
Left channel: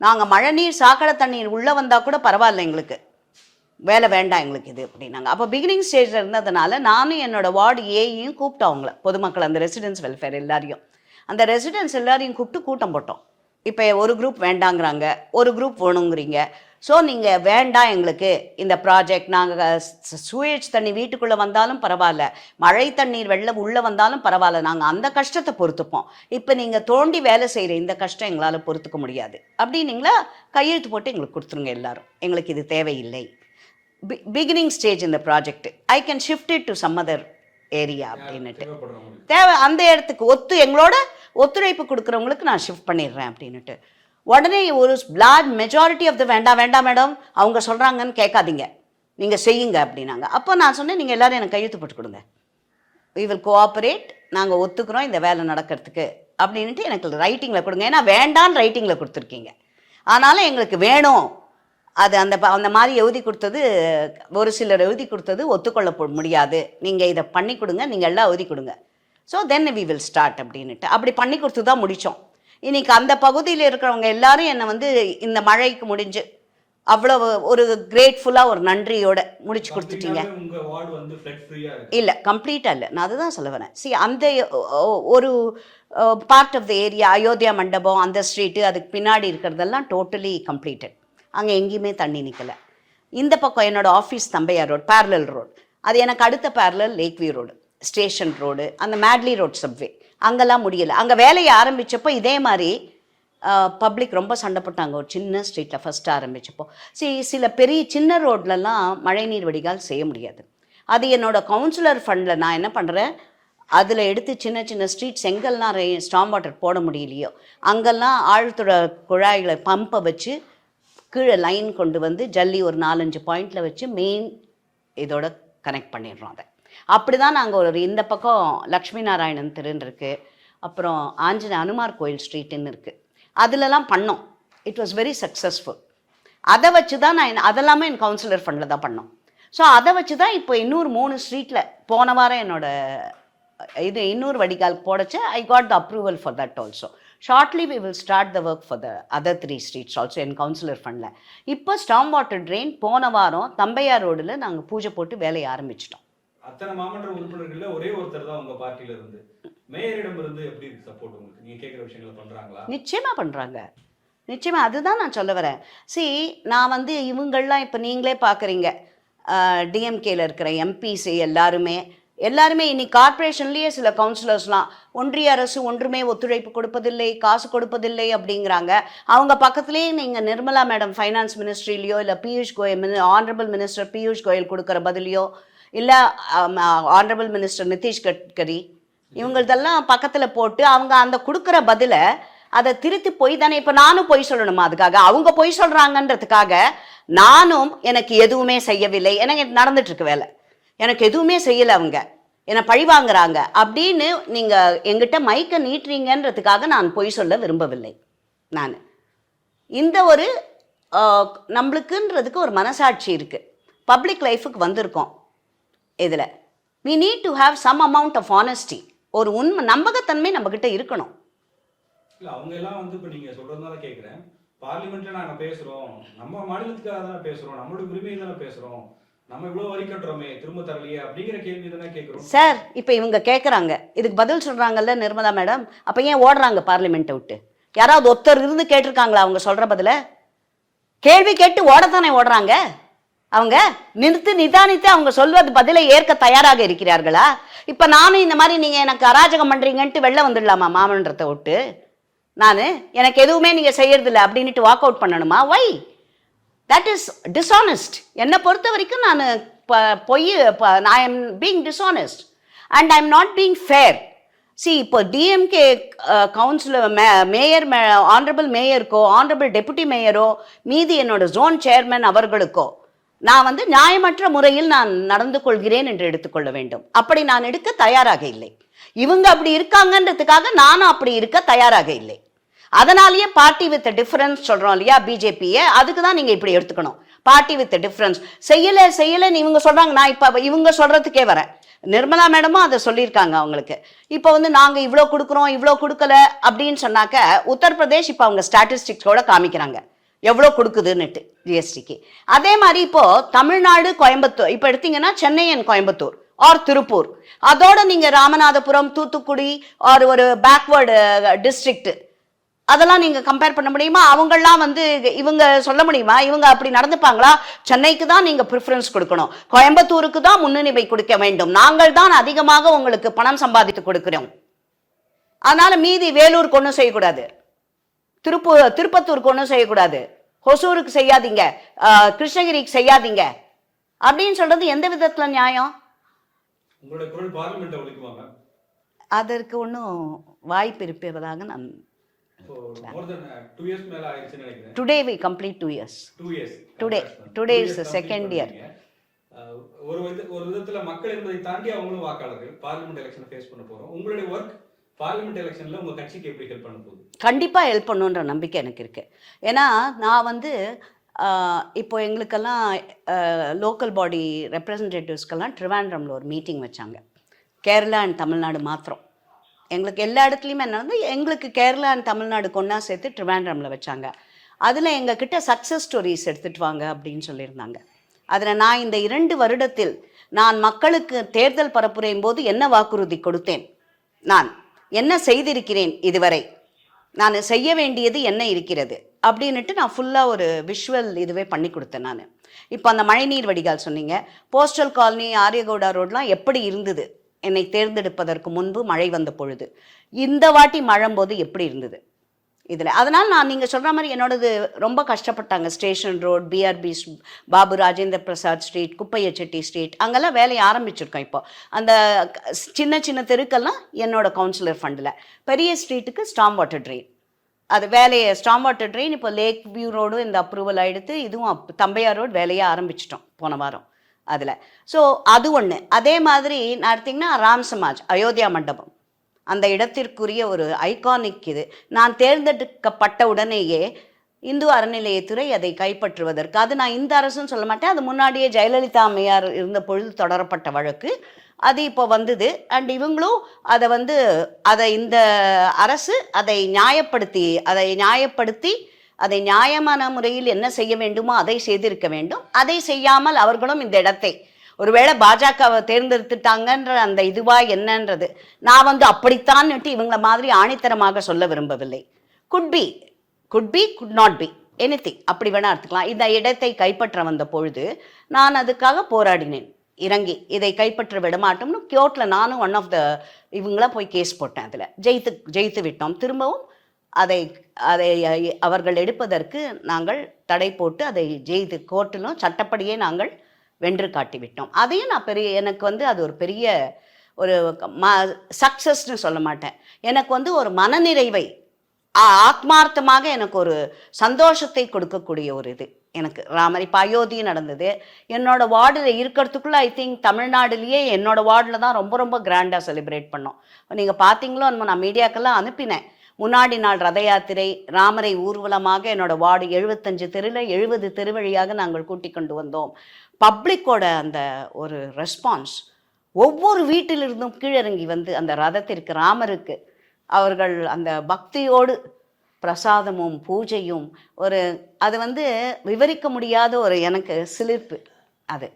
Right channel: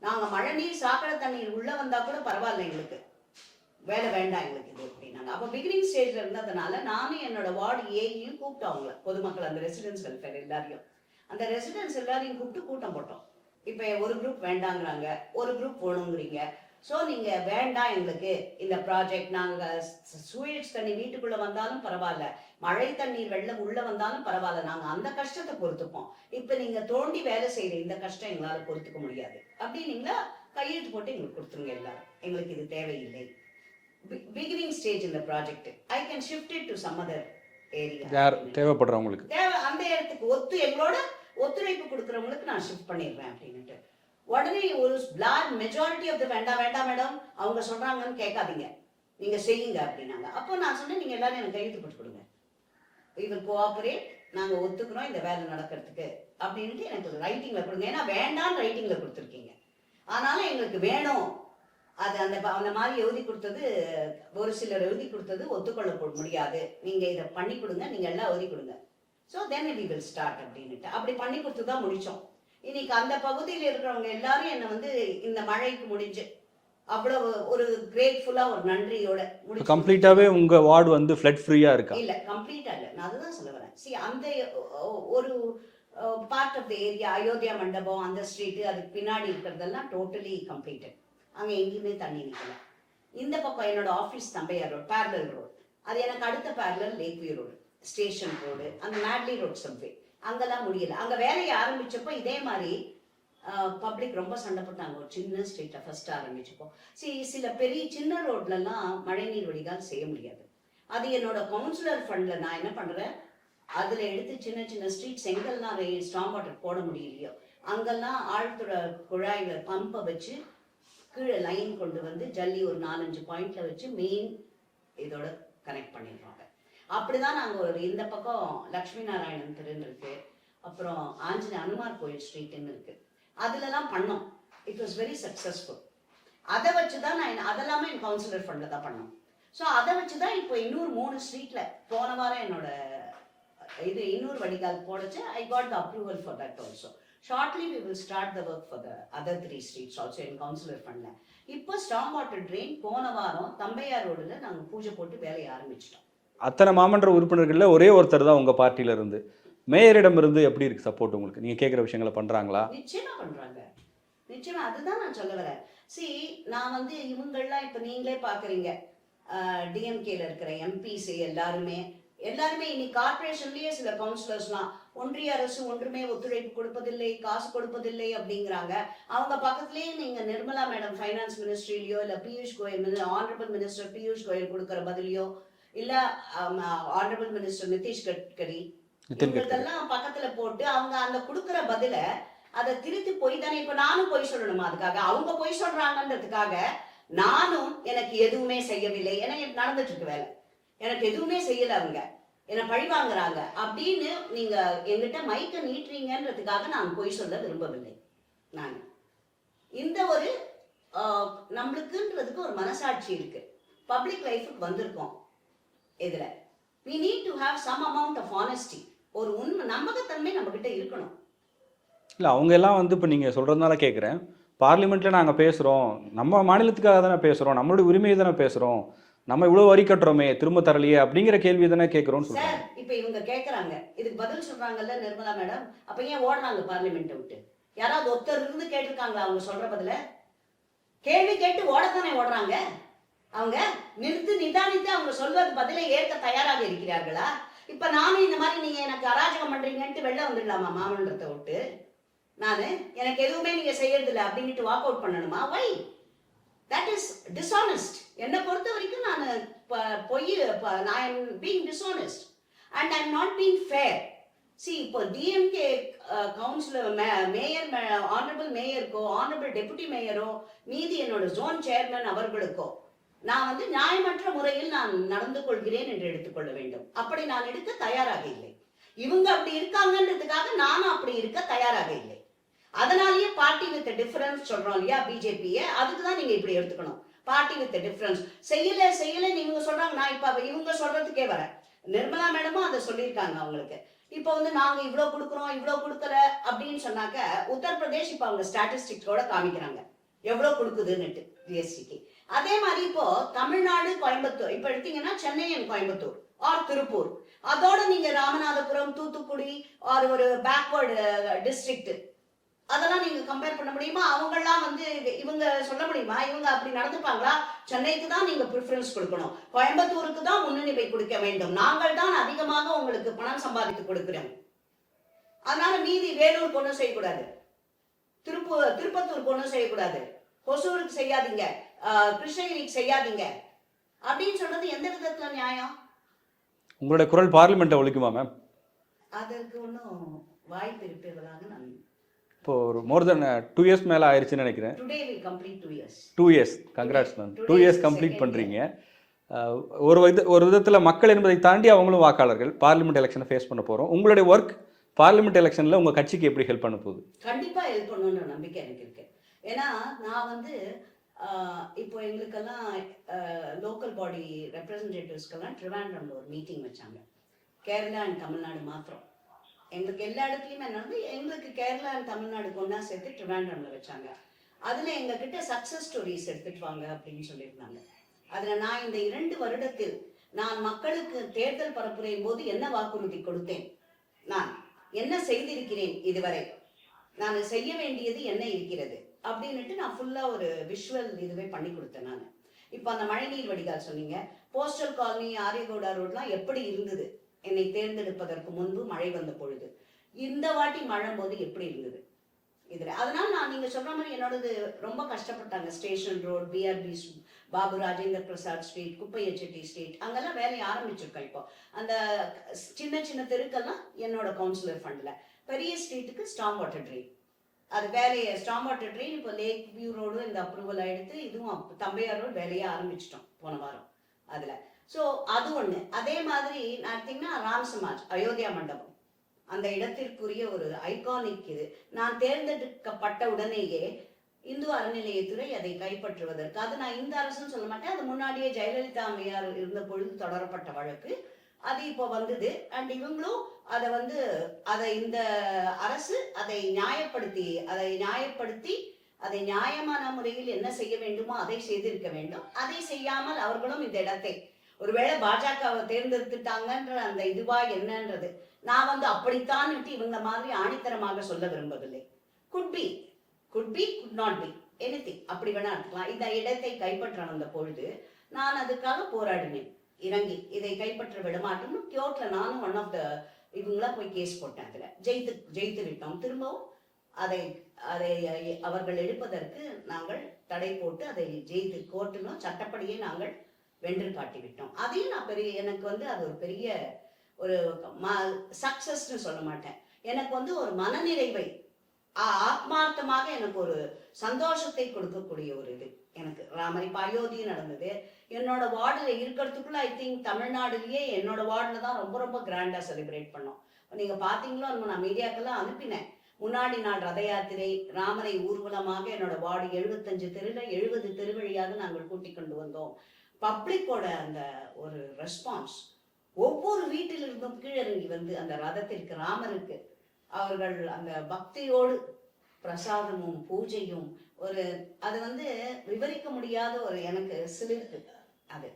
நாங்கள் மழை நீர் சாக்கடை தண்ணீர் உள்ளே வந்தால் கூட பரவாயில்ல, எங்களுக்கு வேலை வேண்டாம் எங்களுக்கு இது அப்படின்னாங்க. அப்போ பிகினிங் ஸ்டேஜில் இருந்ததுனால நானும் என்னோடய வார்டு ஏயும் கூப்பிட்டோம் அவங்கள, பொதுமக்கள், அந்த ரெசிடென்ஸ் வெல்ஃபேர் எல்லாரையும், அந்த ரெசிடென்ஸ் எல்லாரையும் கூப்பிட்டு கூட்டம் போட்டோம். இப்போ ஒரு குரூப் வேண்டாங்கிறாங்க, ஒரு குரூப் வேணுங்கிறீங்க. ஸோ நீங்கள் வேண்டாம் எங்களுக்கு இந்த ப்ராஜெக்ட், நாங்கள் சூயேஜ் தண்ணி வீட்டுக்குள்ளே வந்தாலும் பரவாயில்ல, மழை தண்ணீர் வெள்ளம் உள்ளே வந்தாலும் பரவாயில்ல, நாங்கள் அந்த கஷ்டத்தை பொறுத்துப்போம். இப்போ நீங்கள் தோண்டி வேலை செய்கிற இந்த கஷ்டம் எங்களால் பொறுத்துக்க முடியாது அப்படின்னீங்களா, கையெழுத்து போட்டு எங்களுக்கு கொடுத்துருங்க எல்லாரும், எங்களுக்கு இது தேவையில்லை. பிகினிங் ஸ்டேஜ் இந்த project, I can shift it to some other area. தேவை அந்த இடத்துக்கு எங்களோட ஒத்துழைப்பு கொடுக்குறவங்களுக்கு நான் ஷிஃப்ட் பண்ணிடுறேன் அப்படின்னுட்டு. உடனே ஒரு லார்ஜ் மெஜாரிட்டி ஆஃப் த வேண்டாம் மேடம் அவங்க சொல்கிறாங்கன்னு கேட்காதீங்க, நீங்கள் செய்யுங்க அப்படின்னாங்க. அப்போ நான் சொன்னேன், நீங்கள் எல்லோரும் எனக்கு கையெழுத்து போட்டு கொடுங்க, we will cooperate, நாங்கள் ஒத்துக்கிறோம் இந்த வேலை நடக்கிறதுக்கு அப்படின்ட்டு எனக்கு ரைட்டிங்கில் கொடுங்க. ஏன்னா வேண்டான்னு ரைட்டிங்கில் கொடுத்துருக்கீங்க, ஆனாலும் எங்களுக்கு வேணும். அது அந்த மாதிரி எழுதி கொடுத்தது, ஒரு சிலர் எழுதி கொடுத்தது ஒத்துக்கொள்ள முடியாது, நீங்கள் இதை பண்ணி கொடுங்க, நீங்கள் எல்லாம் எழுதி கொடுங்க. So then we will start அப்படின்ட்டு அப்படி பண்ணி கொடுத்து தான் முடித்தோம். இன்றைக்கி அந்த பகுதியில் இருக்கிறவங்க எல்லாரும் என்னை வந்து இந்த மழைக்கு முடிஞ்சு அவ்வளவு ஒரு கிரேட்ஃபுல்லாக ஒரு நன்றியோட முடிச்சு. கம்ப்ளீட்டாகவே உங்கள் வார்டு வந்து ஃப்ளட் ஃப்ரீயாக இருக்கு? இல்லை, கம்ப்ளீட்டாக இல்லை, நான் அதுதான் சொல்ல வரேன். அந்த ஒரு part of the area, Ayodhya Mandapam அந்த ஸ்ட்ரீட்டு அதுக்கு பின்னாடி இருக்கிறதெல்லாம் டோட்டலி கம்ப்ளீட்டட். அங்கே எங்கேயுமே தண்ணி நிற்கலை. இந்த பக்கம் என்னோடய ஆஃபீஸ் தம்பையார் ரோடு, பேரலல் ரோடு, அது எனக்கு அடுத்த parallel lake view road, station road, அந்த மேட்லி ரோட் சப்வே, அங்கெல்லாம் முடியலை. அங்கே வேலையை ஆரம்பித்தப்போ இதே மாதிரி பப்ளிக் ரொம்ப சண்டை போட்டாங்க. ஒரு சின்ன ஸ்ட்ரீட்டில் ஃபஸ்ட்டு ஆரம்பித்தப்போ சில பெரிய சின்ன ரோட்லலாம் மழைநீர் வடிகால் செய்ய முடியாது. அது என்னோடய கவுன்சிலர் ஃபண்டில் நான் என்ன பண்ணுறேன், அதில் எடுத்து சின்ன சின்ன ஸ்ட்ரீட் செங்கல்லாம் ஸ்டாம் வாட்டர் போட முடியலையோ அங்கெல்லாம் ஆழ்துறை குழாய்களை பம்பை வச்சு கீழே லைன் கொண்டு வந்து ஜல்லி ஒரு 4-5 பாயிண்டில் வச்சு மெயின் இதோட கனெக்ட் பண்ணிடுறோம். அதை அப்படி தான் நாங்கள் ஒரு இந்த பக்கம் லக்ஷ்மி நாராயணன் தெருன்னு இருக்குது, அப்புறம் அனுமார் கோயில் ஸ்ட்ரீட்டுன்னு இருக்குது, அதிலலாம் பண்ணோம். It was very successful. அதை வச்சு தான் அதெல்லாமே என் கவுன்சிலர் ஃபண்டில் தான் பண்ணோம். ஸோ அதை வச்சு தான் இப்போ இன்னொரு 3 ஸ்ட்ரீட்டில் போன வாரம் இன்னொரு வடிகால் போடச்சு. I got the approval for that also. Shortly we will start the work for the other 3 streets also என் கவுன்சிலர் ஃபண்டில். இப்போ ஸ்டாம் வாட்டர் ட்ரெயின் போன வாரம் தம்பையார் ரோடில் நாங்கள் பூஜை போட்டு வேலையை ஆரம்பிச்சிட்டோம். அத்தனை மாமன்ற உறுப்பினர்களில் ஒரே ஒருத்தர் தான் உங்கள் பார்ட்டியில் இருந்து. மேயரிடம் இருந்து எப்படி இருக்குது சப்போர்ட் உங்களுக்கு? நீங்கள் கேட்குற விஷயங்களை பண்ணுறாங்களா? நிச்சயமாக பண்ணுறாங்க, நிச்சயமாக. அதுதான் நான் சொல்ல வரேன். நான் வந்து இவங்கள்லாம் இப்போ நீங்களே பார்க்குறீங்க, டிஎம்கேல இருக்கிற எம்பிஸ் எல்லாருமே இன்னைக்கு கார்பரேஷன்லேயே சில கவுன்சிலர்ஸ்லாம் ஒன்றிய அரசு ஒன்றுமே ஒத்துழைப்பு கொடுப்பதில்லை, காசு கொடுப்பதில்லை அப்படிங்கிறாங்க. அவங்க பக்கத்துலேயே நீங்கள் நிர்மலா மேடம் ஃபைனான்ஸ் மினிஸ்ட்ரிலையோ இல்லை பியூஷ் கோயல் ஆனரபிள் மினிஸ்டர் பியூஷ் கோயல் கொடுக்குற பதிலையோ இல்லை ஆனரபிள் மினிஸ்டர் நிதிஷ் கட்கரி இவங்களதெல்லாம் பக்கத்தில் போட்டு அவங்க அந்த கொடுக்குற பதிலை அதை திருத்தி போய் தானே. இப்போ நானும் பொய் சொல்லணுமா? அதுக்காக அவங்க பொய் சொல்கிறாங்கன்றதுக்காக நானும் எனக்கு எதுவுமே செய்யவில்லை, எனக்கு நடந்துட்டு இருக்கு வேலை, எனக்கு எதுவுமே செய்யலை, அவங்க என்னை பழி வாங்குறாங்க அப்படின்னு நீங்கள் எங்கிட்ட மைக்கை நீட்டுறீங்கன்றதுக்காக நான் பொய் சொல்ல விரும்பவில்லை. நான் இந்த ஒரு நம்மளுக்குன்றதுக்கு ஒரு மனசாட்சி இருக்குது. பப்ளிக் லைஃபுக்கு வந்திருக்கோம். இதில் we need to have some amount of honesty. ஒரு உண்மை நம்பகத்தன்மை நம்மக்கிட்ட இருக்கணும். இல்லை அவங்க எல்லாம் வந்து இப்போ நீங்கள் சொல்கிறதுனால கேட்குறேன், பார்லிமெண்ட்டில் நாங்கள் பேசுகிறோம், நம்ம மாநிலத்துக்காக தானே பேசுகிறோம், நம்மளுடைய உரிமையை தானே பேசுகிறோம், நம்ம இவ்வளோ வரி கட்டுறோமே திரும்ப தரலையே அப்படிங்கிற கேள்வி தானே கேட்குறோம் சார். இப்போ இவங்க கேட்குறாங்க, இதுக்கு பதில் சொல்கிறாங்கல்ல நிர்மலா மேடம், அப்போ ஏன் ஓடுறாங்க பார்லிமெண்ட்டை விட்டு? யாராவது ஒருத்தர் இருந்து கேட்டிருக்காங்களா அவங்க சொல்கிற பதில? கேள்வி கேட்டு ஓடத்தானே ஓடுறாங்க. அவங்க நிதானித்து அவங்க சொல்வது பதிலை ஏற்க தயாராக இருக்கிறார்களா? இப்போ நானும் இந்த மாதிரி நீங்கள் எனக்கு அராஜகம் பண்ணுறீங்கன்ட்டு வெளில வந்துடலாமா மாமன்றத்தை விட்டு? எனக்கு எதுவுமே நீங்கள் செய்யறதில்லை அப்படின்ட்டு வாக் அவுட் பண்ணணுமா? வை? That is dishonest. என்னை பொறுத்த வரைக்கும் நான் I am being dishonest and I am not being fair. இப்போ டிஎம்கே கவுன்சிலர் மேயர் ஆனரபிள் மேயருக்கோ ஆனரபிள் டெபுட்டி மேயரோ மீதி என்னோட ஜோன் சேர்மன் அவர்களுக்கோ நான் நியாயமற்ற முறையில் நான் நடந்து கொள்கிறேன் என்று எடுத்துக்கொள்ள வேண்டும். அப்படி நான் எடுக்க தயாராக இல்லை. இவங்க அப்படி இருக்காங்கன்றதுக்காக நானும் அப்படி இருக்க தயாராக இல்லை. அதனாலேயே பார்ட்டி வித் டிஃபரன்ஸ் சொல்கிறோம் இல்லையா பிஜேபியை, அதுக்கு தான் நீங்கள் இப்படி எடுத்துக்கணும். பார்ட்டி வித் டிஃபரன்ஸ் செய்யலைன்னு இவங்க சொல்கிறாங்க. நான் இப்போ இவங்க சொல்கிறதுக்கே வரேன். நிர்மலா மேடமும் அதை சொல்லியிருக்காங்க அவங்களுக்கு. இப்போ நாங்கள் இவ்வளோ கொடுக்குறோம் இவ்வளோ கொடுக்கல அப்படின்னு சொன்னாக்க உத்தரப்பிரதேஷ் இப்போ அவங்க ஸ்டாட்டிஸ்டிக்ஸோட காமிக்கிறாங்க எவ்வளோ கொடுக்குதுன்னுட்டு ஜிஎஸ்டிக்கு. அதே மாதிரி இப்போது தமிழ்நாடு கோயம்புத்தூர் இப்போ எடுத்தீங்கன்னா சென்னை அண்ட் கோயம்புத்தூர் ஆர் திருப்பூர், அதோட நீங்கள் ராமநாதபுரம் தூத்துக்குடி ஆர் ஒரு பேக்வேர்டு டிஸ்ட்ரிக்ட் அதெல்லாம் நீங்கள் கம்பேர் பண்ண முடியுமா? அவங்கெல்லாம் இவங்க சொல்ல முடியுமா இவங்க அப்படி நடந்துப்பாங்களா? சென்னைக்கு தான் நீங்கள் ப்ரிஃபரன்ஸ் கொடுக்கணும், கோயம்புத்தூருக்கு தான் முன்னுரிமை கொடுக்க வேண்டும், நாங்கள் தான் அதிகமாக உங்களுக்கு பணம் சம்பாதித்து கொடுக்கிறோம், அதனால மீதி வேலூருக்கு ஒன்றும் செய்யக்கூடாது, திருப்பத்தூருக்கு ஒன்றும் செய்யக்கூடாது, ஹொசூருக்கு செய்யாதீங்க, கிருஷ்ணகிரிக்கு செய்யாதீங்க அப்படின்னு சொல்றது எந்த விதத்தில் நியாயம்? உங்களுடைய குரல் பார்லிமெண்ட்டை ஒழிக்குமா மேம்? அதற்கு ஒன்றும் வாய்ப்பு இருப்பதாக நான் இப்போ ஒரு மோர் தென் 2 இயர்ஸ் மேலே ஆயிடுச்சுன்னு நினைக்கிறேன். Today we complete 2 years. 2 years complete பண்ணுறீங்க. ஒரு விதத்தில் மக்கள் என்பதை தாண்டி அவங்களும் வாக்காளர்கள். பார்லிமெண்ட் எலெக்ஷனை ஃபேஸ் பண்ண போகிறோம். உங்களுடைய ஒர்க் பார்லிமெண்ட் எலெக்ஷனில் உங்கள் கட்சிக்கு எப்படி ஹெல்ப் பண்ண போகுது? கண்டிப்பாக ஹெல்ப் பண்ணுன்ற நம்பிக்கை எனக்கு இருக்குது. ஏன்னா நான் வந்து இப்போ எங்களுக்கெல்லாம் லோக்கல் பாடி ரெப்ரசன்டேட்டிவ்ஸ்க்கெல்லாம் ட்ரிவாண்ட்ரமில் ஒரு மீட்டிங் வச்சாங்க. கேரளா அண்ட் தமிழ்நாடு மாத்திரம். எங்களுக்கு எல்லா இடத்துலையுமே என்ன எங்களுக்கு கேரளா அண்ட் தமிழ்நாடு கொண்டா சேர்த்து ட்ரிவாண்ட்ரமில் வச்சாங்க. அதில் எங்ககிட்ட சக்ஸஸ் ஸ்டோரிஸ் எடுத்துகிட்டு வாங்க அப்படின்னு சொல்லியிருந்தாங்க. அதில் நான் இந்த 2 வருடத்தில் நான் மக்களுக்கு தேர்தல் பரப்புரையும் போது என்ன வாக்குறுதி கொடுத்தேன், நான் என்ன செய்திருக்கிறேன் இதுவரை, நான் செய்ய வேண்டியது என்ன இருக்கிறது அப்படின்ட்டு நான் ஃபுல்லாக ஒரு விஷுவல் இதுவே பண்ணி கொடுத்தேன். நான் இப்போ அந்த மழைநீர் வடிகால் சொன்னீங்க, போஸ்டல் காலனி ஆரியகவுடா ரோட்லாம் எப்படி இருந்தது என்னை தேர்ந்தெடுப்பதற்கு முன்பு மழை வந்த பொழுது, இந்த வாட்டி மழைம்போது எப்படி இருந்தது இதில். அதனால் நான் நீங்கள் சொல்கிற மாதிரி என்னோடது ரொம்ப கஷ்டப்பட்டாங்க. Station road, PRP, Babu Rajendra Prasad street, Kuppaiya Chetty street, அங்கெல்லாம் வேலையை ஆரம்பிச்சிருக்கோம். இப்போ அந்த சின்ன சின்ன தெருக்கெல்லாம் என்னோட கவுன்சிலர் ஃபண்டில். பெரிய ஸ்ட்ரீட்டுக்கு ஸ்டாம் வாட்டர் ட்ரெயின், அது வேலையை ஸ்டாம் வாட்டர் ட்ரெயின் இப்போ லேக் வியூ ரோடும் இந்த அப்ரூவல் ஆகிடுத்து. இதுவும் தம்பையார் ரோடு வேலையை ஆரம்பிச்சிட்டோம் போன வாரம் அதில். ஸோ அது ஒன்று. அதே மாதிரி நான் எடுத்திங்கன்னா ராம் சமாஜ் அயோத்தியா மண்டபம், அந்த இடத்திற்குரிய ஒரு ஐகானிக் இது. நான் தேர்ந்தெடுக்கப்பட்ட உடனேயே இந்து அறநிலையத்துறை அதை கைப்பற்றுவதற்கு, அது நான் இந்த அரசுன்னு சொல்ல மாட்டேன், அது முன்னாடியே ஜெயலலிதா அம்மையார் இருந்த பொழுது தொடரப்பட்ட வழக்கு, அது இப்போ வந்தது. அண்ட் இவங்களும் அதை இந்த அரசு அதை நியாயப்படுத்தி அதை நியாயமான முறையில் என்ன செய்ய வேண்டுமோ அதை செய்திருக்க வேண்டும். அதை செய்யாமல் அவர்களும் இந்த இடத்தை ஒருவேளை பாஜகவை தேர்ந்தெடுத்துட்டாங்கன்ற அந்த இதுவா என்னன்றது நான் அப்படித்தான் இவங்கள மாதிரி ஆணித்தரமாக சொல்ல விரும்பவில்லை. Could be, could not be, anything, அப்படி வேணா எடுத்துக்கலாம். இந்த இடத்தை கைப்பற்ற வந்த பொழுது நான் அதுக்காக போராடினேன், இறங்கி இதை கைப்பற்ற விடமாட்டோம்னு கோர்ட்டில் நானும் ஒன் ஆஃப் த இவங்கள போய் கேஸ் போட்டேன். அதில் ஜெயித்து விட்டோம். திரும்பவும் அதை அவர்கள் எடுப்பதற்கு நாங்கள் தடை போட்டு அதை ஜெயித்து கோர்ட்டிலும் சட்டப்படியே நாங்கள் வென்று காட்டிவிட்டோம். அதையும் நான் எனக்கு அது ஒரு பெரிய ஒரு சக்ஸஸ்ன்னு சொல்ல மாட்டேன். எனக்கு ஒரு மனநிறைவை, ஆத்மார்த்தமாக எனக்கு ஒரு சந்தோஷத்தை கொடுக்கக்கூடிய ஒரு இது எனக்கு ராமர். இப்போ அயோத்தியும் நடந்தது என்னோட வார்டில் இருக்கிறதுக்குள்ள. ஐ திங்க் தமிழ்நாடுலேயே என்னோட வார்டில் தான் ரொம்ப ரொம்ப கிராண்டாக செலிப்ரேட் பண்ணோம். நீங்கள் பார்த்தீங்களோ நான் மீடியாக்கெல்லாம் அனுப்பினேன். முன்னாடி நாள் ரத யாத்திரை, ராமரை ஊர்வலமாக என்னோட வார்டு 75 தெருவில் 70 தெரு வழியாக நாங்கள் கூட்டி கொண்டு வந்தோம். பப்ளிக்கோட அந்த ஒரு ரெஸ்பான்ஸ், ஒவ்வொரு வீட்டிலிருந்தும் கீழிறங்கி அந்த ரதத்திற்கு, ராமருக்கு அவர்கள் அந்த பக்தியோடு பிரசாதமும் பூஜையும் அது விவரிக்க முடியாத ஒரு எனக்கு சிலிர்ப்பு. அது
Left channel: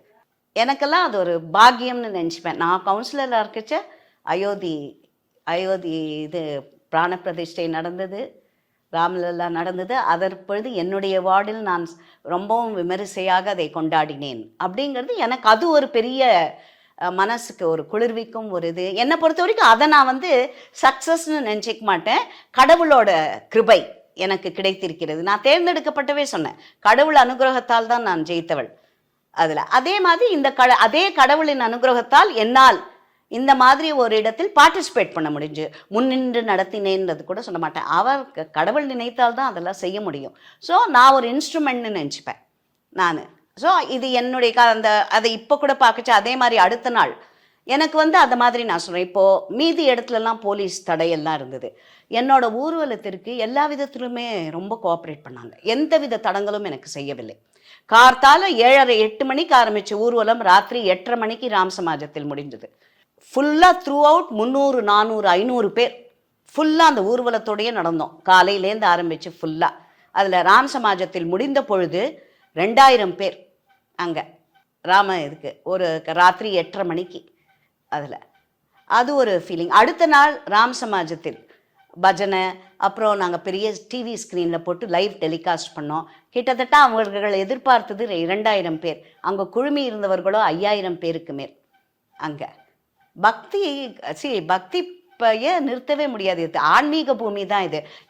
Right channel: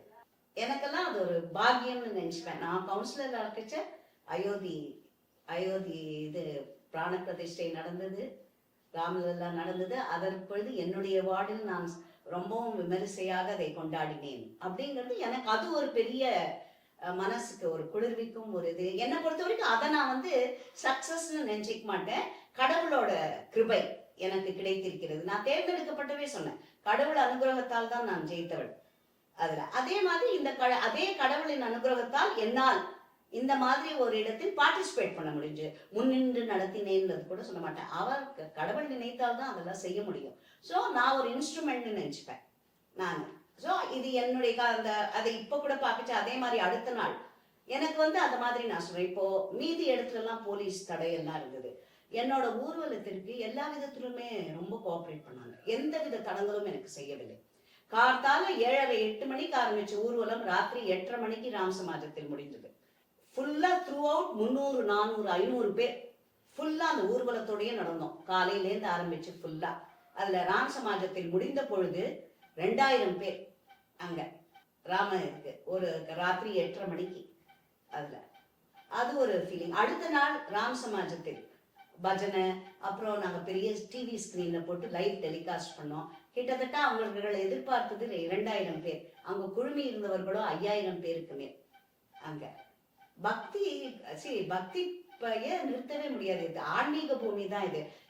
எனக்கெல்லாம் அது ஒரு பாக்கியம்னு நினச்சிப்பேன். நான் கவுன்சிலராக இருக்கச்ச அயோத்தி இது பிராண பிரதிஷ்டை நடந்தது, ராமலல்லா நடந்தது. அதற்பொழுது என்னுடைய வார்டில் நான் ரொம்பவும் விமரிசையாக அதை கொண்டாடினேன். அப்படிங்கிறது எனக்கு அது ஒரு பெரிய மனசுக்கு ஒரு குளிர்விக்கும் ஒரு இது. என்னை பொறுத்த வரைக்கும் அதை நான் சக்ஸஸ்ன்னு நினச்சிக்க மாட்டேன். கடவுளோட கிருபை எனக்கு கிடைத்திருக்கிறது. நான் தேர்ந்தெடுக்கப்பட்டவே சொன்னேன், கடவுள் அனுகிரகத்தால் தான் நான் ஜெயித்தவள். அதில் அதே மாதிரி அதே கடவுளின் அனுகிரகத்தால் என்னால் இந்த மாதிரி ஒரு இடத்தில் பார்ட்டிசிபேட் பண்ண முடிஞ்சு. முன்னின்று நடத்தினேன்றது கூட சொல்ல மாட்டேன். அவர் கடவுள் நினைத்தால் தான் அதெல்லாம் செய்ய முடியும். ஸோ நான் ஒரு இன்ஸ்ட்ருமெண்ட்னு நினச்சிப்பேன் நான். ஸோ இது என்னுடைய அதை இப்போ கூட பார்க்கச்சு. அதே மாதிரி அடுத்த நாள் எனக்கு அந்த மாதிரி நான் சொல்கிறேன். இப்போது மீதி இடத்துலலாம் போலீஸ் தடையெல்லாம் இருந்தது. என்னோட ஊர்வலத்திற்கு எல்லா விதத்திலுமே ரொம்ப கோஆப்ரேட் பண்ணாங்க. எந்த வித தடங்களும் எனக்கு செய்யவில்லை. கார்த்தால 7:30 8 மணிக்கு ஆரம்பித்த ஊர்வலம் ராத்திரி 8:30 மணிக்கு ராம் சமாஜத்தில் முடிஞ்சது. ஃபுல்லாக த்ரூ அவுட் 300 400 500 பேர் ஃபுல்லாக அந்த ஊர்வலத்தோடையே நடந்தோம். காலையிலேருந்து ஆரம்பித்து ஃபுல்லாக. அதில் ராம் சமாஜத்தில் முடிந்த பொழுது 2000 பேர் அங்கே இதுக்கு ஒரு ராத்திரி 8:30 மணிக்கு. அது ஒரு ஃபீலிங். அடுத்த நாள் ராம் சமாஜத்தில் பஜனை, அப்புறம் நாங்கள் பெரிய டிவி ஸ்க்ரீனில் போட்டு லைவ் டெலிகாஸ்ட் பண்ணோம். கிட்டத்தட்ட அவர்கள் எதிர்பார்த்தது 2000 பேர். அங்கே குழுமி இருந்தவர்களோ 5000 பேருக்கு மேல். அங்கே பக்தி நிறுத்தவே முடியாது. இது ஆன்மீக பூமி தான்.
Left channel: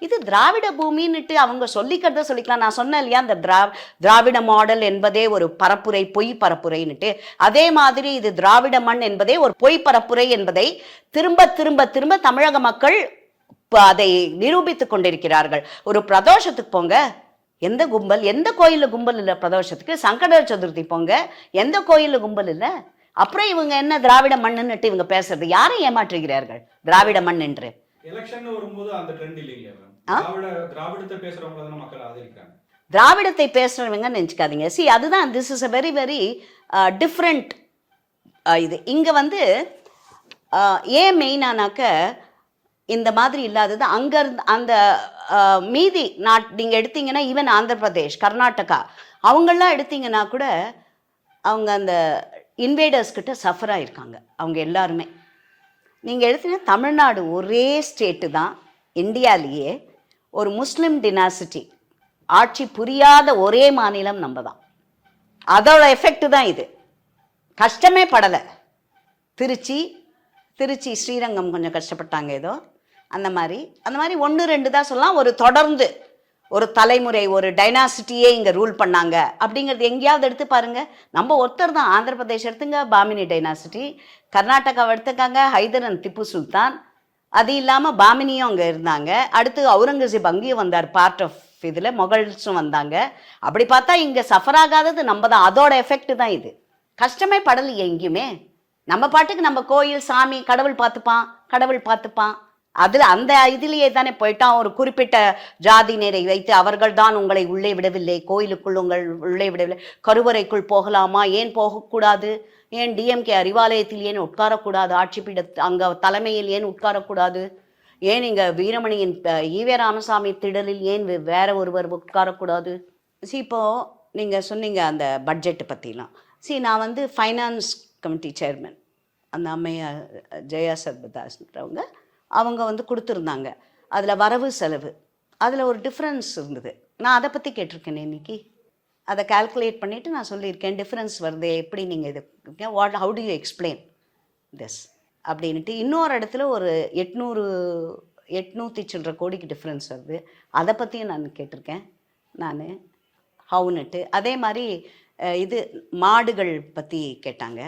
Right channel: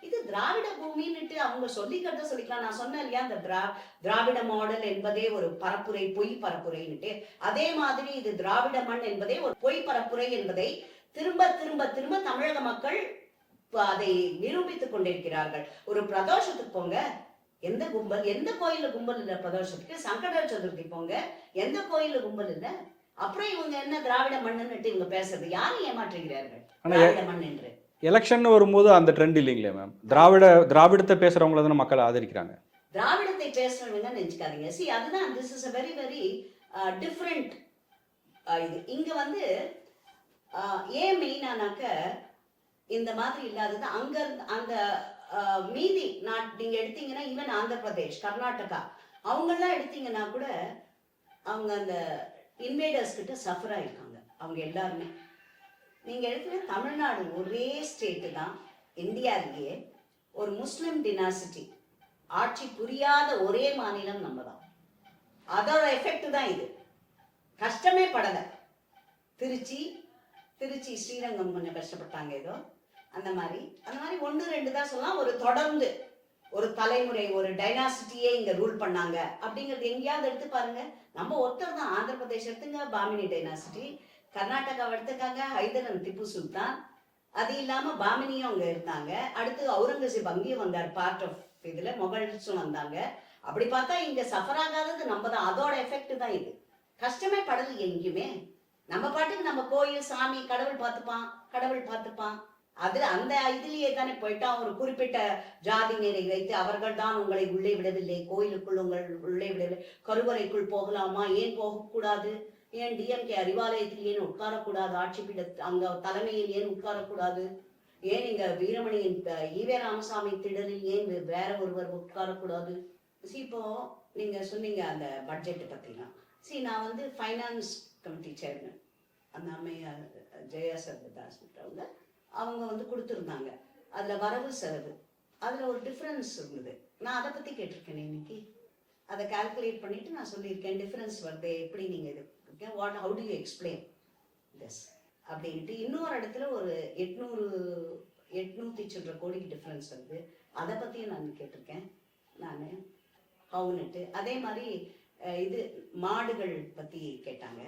இது திராவிட பூமின்னுட்டு அவங்க சொல்லிக்கிறத சொல்லிக்கலாம். நான் சொன்னேன் இல்லையா, அந்த திராவிட மாடல் என்பதே ஒரு பரப்புரை, பொய் பரப்புரைன்னுட்டு. அதே மாதிரி இது திராவிட மண் என்பதே ஒரு பொய் பரப்புரை என்பதை திரும்ப திரும்ப திரும்ப தமிழக மக்கள் அதை நிரூபித்துக் கொண்டிருக்கிறார்கள். ஒரு பிரதோஷத்துக்கு போங்க, எந்த கும்பல்? எந்த கோயிலில் கும்பல் இல்லை பிரதோஷத்துக்கு? சங்கட சதுர்த்தி போங்க, எந்த கோயிலில் கும்பல் இல்லை? அப்புறம் இவங்க என்ன திராவிட மண்ணுன்னுட்டு இவங்க பேசுறது? யாரை ஏமாற்றுகிறார்கள் திராவிட மண் என்று? எலெக்ஷன் வரும்போது அந்த ட்ரெண்ட் இல்லைங்களே மேம். திராவிடத்தை பேசுறவங்கள தானே மக்கள் ஆதரிக்கிறாங்க. திராவிடத்தை பேசுறவங்க நினச்சிக்காதீங்க. சி, அதுதான் this is a very very different. இது இங்கே வந்து ஏன் மெயினானாக்க இந்த மாதிரி இல்லாதது அங்கே இருந்து அந்த மீதி நீங்கள் எடுத்தீங்கன்னா ஈவன் ஆந்திர பிரதேஷ், கர்நாடகா அவங்களாம் எடுத்தீங்கன்னா கூட அவங்க அந்த இன்வேடர்ஸ் கிட்ட சஃபர் ஆகிருக்காங்க அவங்க எல்லாருமே. நீங்கள் எடுத்தீங்கன்னா தமிழ்நாடு ஒரே ஸ்டேட்டு தான் இந்தியாவிலேயே ஒரு முஸ்லீம் டினாசிட்டி ஆட்சி புரியாத ஒரே மாநிலம் நம்ம தான். அதோட எஃபெக்ட் தான் இது. கஷ்டமே படலை. திருச்சி ஸ்ரீரங்கம் கொஞ்சம் கஷ்டப்பட்டாங்க ஏதோ, அந்த மாதிரி 1 2 தான் சொல்லலாம். ஒரு தொடர்ந்து ஒரு தலைமுறை ஒரு டைனாசிட்டியே இங்கே ரூல் பண்ணாங்க அப்படிங்கிறது எங்கேயாவது எடுத்து பாருங்கள். நம்ம ஒருத்தர் தான். ஆந்திர பிரதேஷ் எடுத்துங்க, பாமினி டைனாசிட்டி. கர்நாடகாவை எடுத்துக்காங்க, ஹைதர் அண்ட் திப்பு சுல்தான். அது இல்லாமல் பாமினியும் அங்கே இருந்தாங்க. அடுத்து அவுரங்கசீப் அங்கேயும் வந்தார், பார்ட் ஆஃப் இதில் மொகல்ஸும் வந்தாங்க. அப்படி பார்த்தா இங்கே சஃபர் ஆகாதது நம்ம தான். அதோட எஃபெக்ட் தான் இது. கஷ்டமே படலையே எங்கேயுமே. நம்ம பாட்டுக்கு நம்ம கோயில் சாமி கடவுள் பார்த்துப்பான். அதில் அந்த இதிலேயே தானே போயிட்டான். ஒரு குறிப்பிட்ட ஜாதியினரை வைத்து அவர்கள் தான் உங்களை உள்ளே விடவில்லை, கோயிலுக்குள் உங்கள் உள்ளே விடவில்லை, கருவறைக்குள் போகலாமா, ஏன் போகக்கூடாது, ஏன் டிஎம்கே அறிவாலயத்தில் ஏன் உட்காரக்கூடாது, ஆட்சி பீட அங்கே தலைமையில் ஏன் உட்காரக்கூடாது, ஏன் இங்கே வீரமணியின் ஈவே ராமசாமி திடலில் ஏன் வேற ஒருவர் உட்காரக்கூடாது. இப்போது நீங்கள் சொன்னீங்க அந்த பட்ஜெட்டு பற்றிலாம். நான் வந்து ஃபைனான்ஸ் கமிட்டி சேர்மன், அந்த அம்மையார் ஜெயா சர்பதாஸ்ன்றவங்க அவங்க வந்து கொடுத்துருந்தாங்க. அதில் வரவு செலவு அதில் ஒரு டிஃப்ரென்ஸ் இருந்தது. நான் அதை பற்றி கேட்டிருக்கேன் இன்னைக்கு. அதை கால்குலேட் பண்ணிவிட்டு நான் சொல்லியிருக்கேன், டிஃப்ரென்ஸ் வருது, எப்படி நீங்கள் இது how do you explain this அப்படின்ட்டு. இன்னொரு இடத்துல ஒரு 800 சில்லற கோடிக்கு டிஃப்ரென்ஸ் வருது. அதை பற்றியும் நான் கேட்டிருக்கேன் நான் ஹவுன்னுட்டு. அதே மாதிரி இது மாடுகள் பற்றி கேட்டாங்க.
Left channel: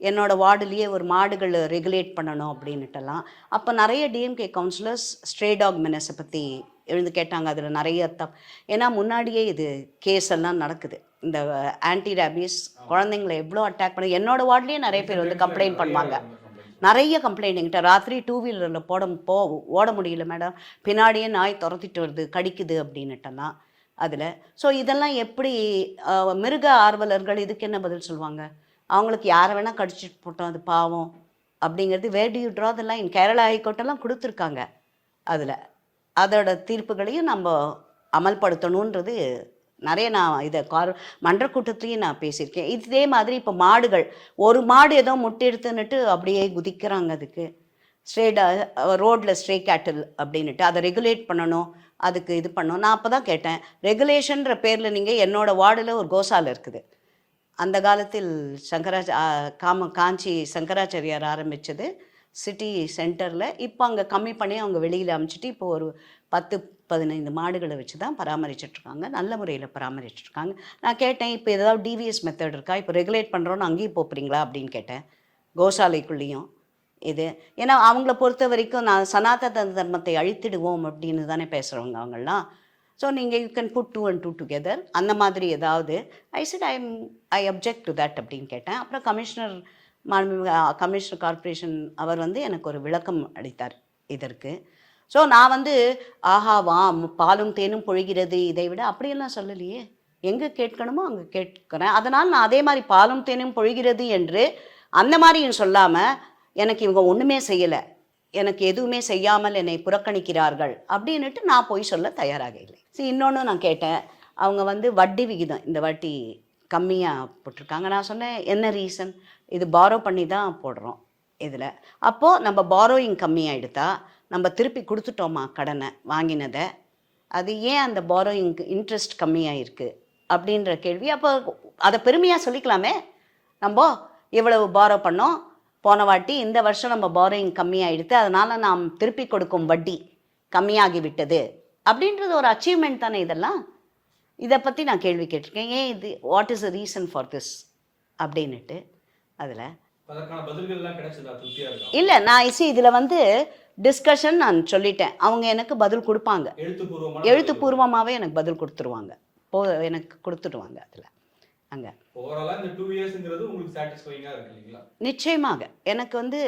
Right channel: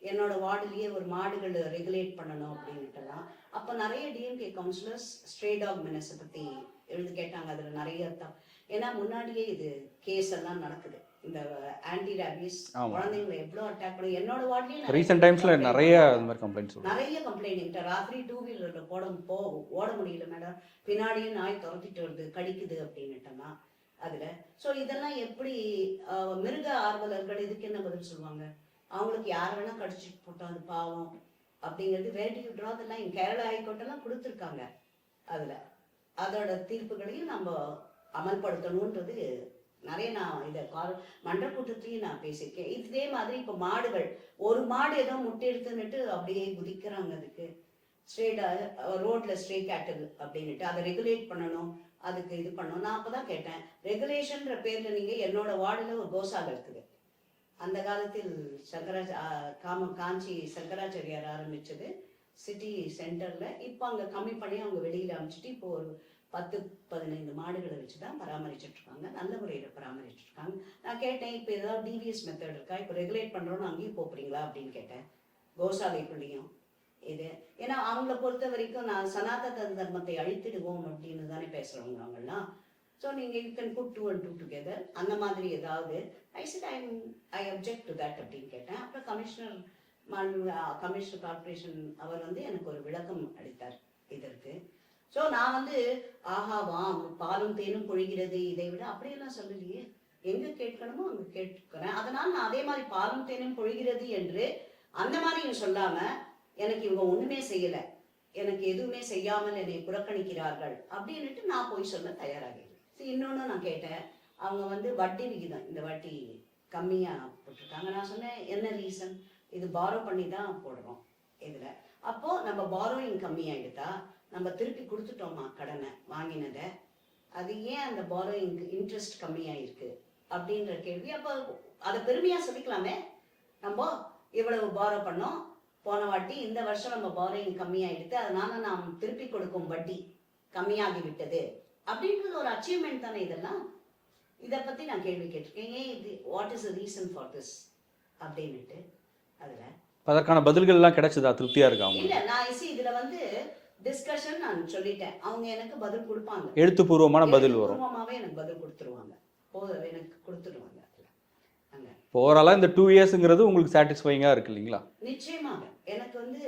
என்னோடய வார்டுலேயே ஒரு மாடுகள் ரெகுலேட் பண்ணணும் அப்படின்னுட்டெல்லாம். அப்போ நிறைய டிஎம்கே கவுன்சிலர்ஸ் ஸ்ட்ரே டாக் மெனஸை பற்றி எழுந்து கேட்டாங்க. அதில் நிறைய ஏன்னா முன்னாடியே இது கேஸ் எல்லாம் நடக்குது. இந்த ஆன்டி ரேபிஸ் குழந்தைங்களை எவ்வளோ அட்டாக் பண்ண என்னோடய வார்டுலேயே நிறைய பேர் கம்ப்ளைண்ட் பண்ணுவாங்க. நிறைய கம்ப்ளைண்ட் என்கிட்ட. ராத்திரி 2 வீலரில் ஓட முடியல மேடம், பின்னாடியே நாய் துரத்திட்டு வருது, கடிக்குது அப்படின்னுட்டெல்லாம் அதில். ஸோ இதெல்லாம் எப்படி மிருக ஆர்வலர்கள் இதுக்கு என்ன பதில் சொல்லுவாங்க? அவங்களுக்கு யாரை வேணால் கடிச்சிட்டு போட்டோம், அது பாவம் அப்படிங்கிறது. Where do you draw the line? Kerala ஹைகோர்ட்டெல்லாம் கொடுத்துருக்காங்க. அதில் அதோட தீர்ப்புகளையும் நம்ம அமல்படுத்தணுன்றது நிறைய நான் இதை மன்றக்கூட்டத்துலேயும் நான் பேசியிருக்கேன். இதே மாதிரி இப்போ மாடுகள், ஒரு மாடு ஏதோ முட்டை எடுத்துன்னுட்டு அப்படியே குதிக்கிறாங்க. அதுக்கு ரோட்டில் ஸ்ட்ரே கேட்டில் அப்படின்னுட்டு அதை ரெகுலேட் பண்ணணும், அதுக்கு இது பண்ணணும். நான் அப்போ தான் கேட்டேன், ரெகுலேஷன்ற பேரில் நீங்கள் என்னோடய வார்டில் ஒரு கோசாலை இருக்குது. அந்த காலத்தில் காஞ்சி சங்கராச்சாரியார் ஆரம்பித்தது சிட்டி சென்டரில். இப்போ அங்கே கம்மி பண்ணி அவங்க வெளியில் அமைச்சிட்டு இப்போ ஒரு 10-15 மாடுகளை வச்சு தான் பராமரிச்சிட்ருக்காங்க. நல்ல முறையில் பராமரிச்சிட்ருக்காங்க. நான் கேட்டேன், இப்போ ஏதாவது டிவிஎஸ் மெத்தட் இருக்கா? இப்போ ரெகுலேட் பண்ணுறோன்னு அங்கேயும் போகிறீங்களா அப்படின்னு கேட்டேன். கோசாலைக்குள்ளேயும் இது ஏன்னா அவங்கள பொறுத்த வரைக்கும் நான் சனாதன தர்மத்தை அழித்திடுவோம் அப்படின்னு தானே பேசுகிறவங்க அவங்களாம். ஸோ நீங்கள் you can put 2 and 2 together அந்த மாதிரி ஏதாவது. ஐ அப்ஜெக்ட் டு தட் அப்படின்னு கேட்டேன். அப்புறம் கமிஷனர் கார்ப்பரேஷன் அவர் வந்து எனக்கு ஒரு விளக்கம் அளித்தார் இதற்கு. ஸோ நான் வந்து ஆஹாவா பாலும் தேனும் பொழிகிறது இதை விட அப்படியெல்லாம் சொல்லலையே. எங்கே கேட்கணுமோ அங்கே கேட்குறேன். அதனால் நான் அதே மாதிரி பாலும் தேனும் பொழிகிறது என்று அந்த மாதிரியும் சொல்லாமல் எனக்கு இவங்க ஒன்றுமே செய்யலை, எனக்கு எதுவுமே செய்யாமல் என்னை புறக்கணிக்கிறார்கள் அப்படின்னுட்டு நான் போய் சொல்ல தயாராக இல்லை. இன்னொன்று நான் கேட்டேன், அவங்க வந்து வட்டி விகிதம் இந்த வாட்டி கம்மியாக போட்டிருக்காங்க. நான் சொன்னேன், என்ன ரீசன்? இது பாரோ பண்ணி தான் போடுறோம் இதில். அப்போது நம்ம பாரோயிங் கம்மியாக எடுத்தா நம்ம திருப்பி கொடுத்துட்டோமா கடனை வாங்கினதை, அது ஏன் அந்த பாரோயிங் இன்ட்ரெஸ்ட் கம்மியாக இருக்குது அப்படின்ற கேள்வி. அப்போ அதை பெருமையாக சொல்லிக்கலாமே, நம்ம இவ்வளவு பாரோ பண்ணோம் போன வாட்டி, இந்த வருஷம் நம்ம பாரோயிங் கம்மியாகிடுது, அதனால் நாம் திருப்பி கொடுக்கும் வட்டி கம்மியாகிவிட்டது அப்படின்றது ஒரு அச்சீவ்மெண்ட் தானே இதெல்லாம். இதை பற்றி நான் கேள்வி கேட்டிருக்கேன், ஏன் இது, what is the reason for this அப்படின்னுட்டு. அதில் அதற்கான பதில்கள்லாம் கிடைச்சதா? திருப்தியாக இருக்காங்க? இல்லை, நான் இதில் வந்து டிஸ்கஷன் நான் சொல்லிட்டேன், அவங்க எனக்கு பதில் கொடுப்பாங்க, எழுத்துப்பூர்வமாகவே எனக்கு பதில் கொடுத்துருவாங்க. எனக்கு கொடுத்துடுவாங்க அதில் அங்கே. ஓவராலாக இந்த 2 இயர்ஸுங்கிறது உங்களுக்கு சாட்டிஸ்ஃபைங்காக இருக்கு இல்லைங்களா? நிச்சயமாக எனக்கு வந்து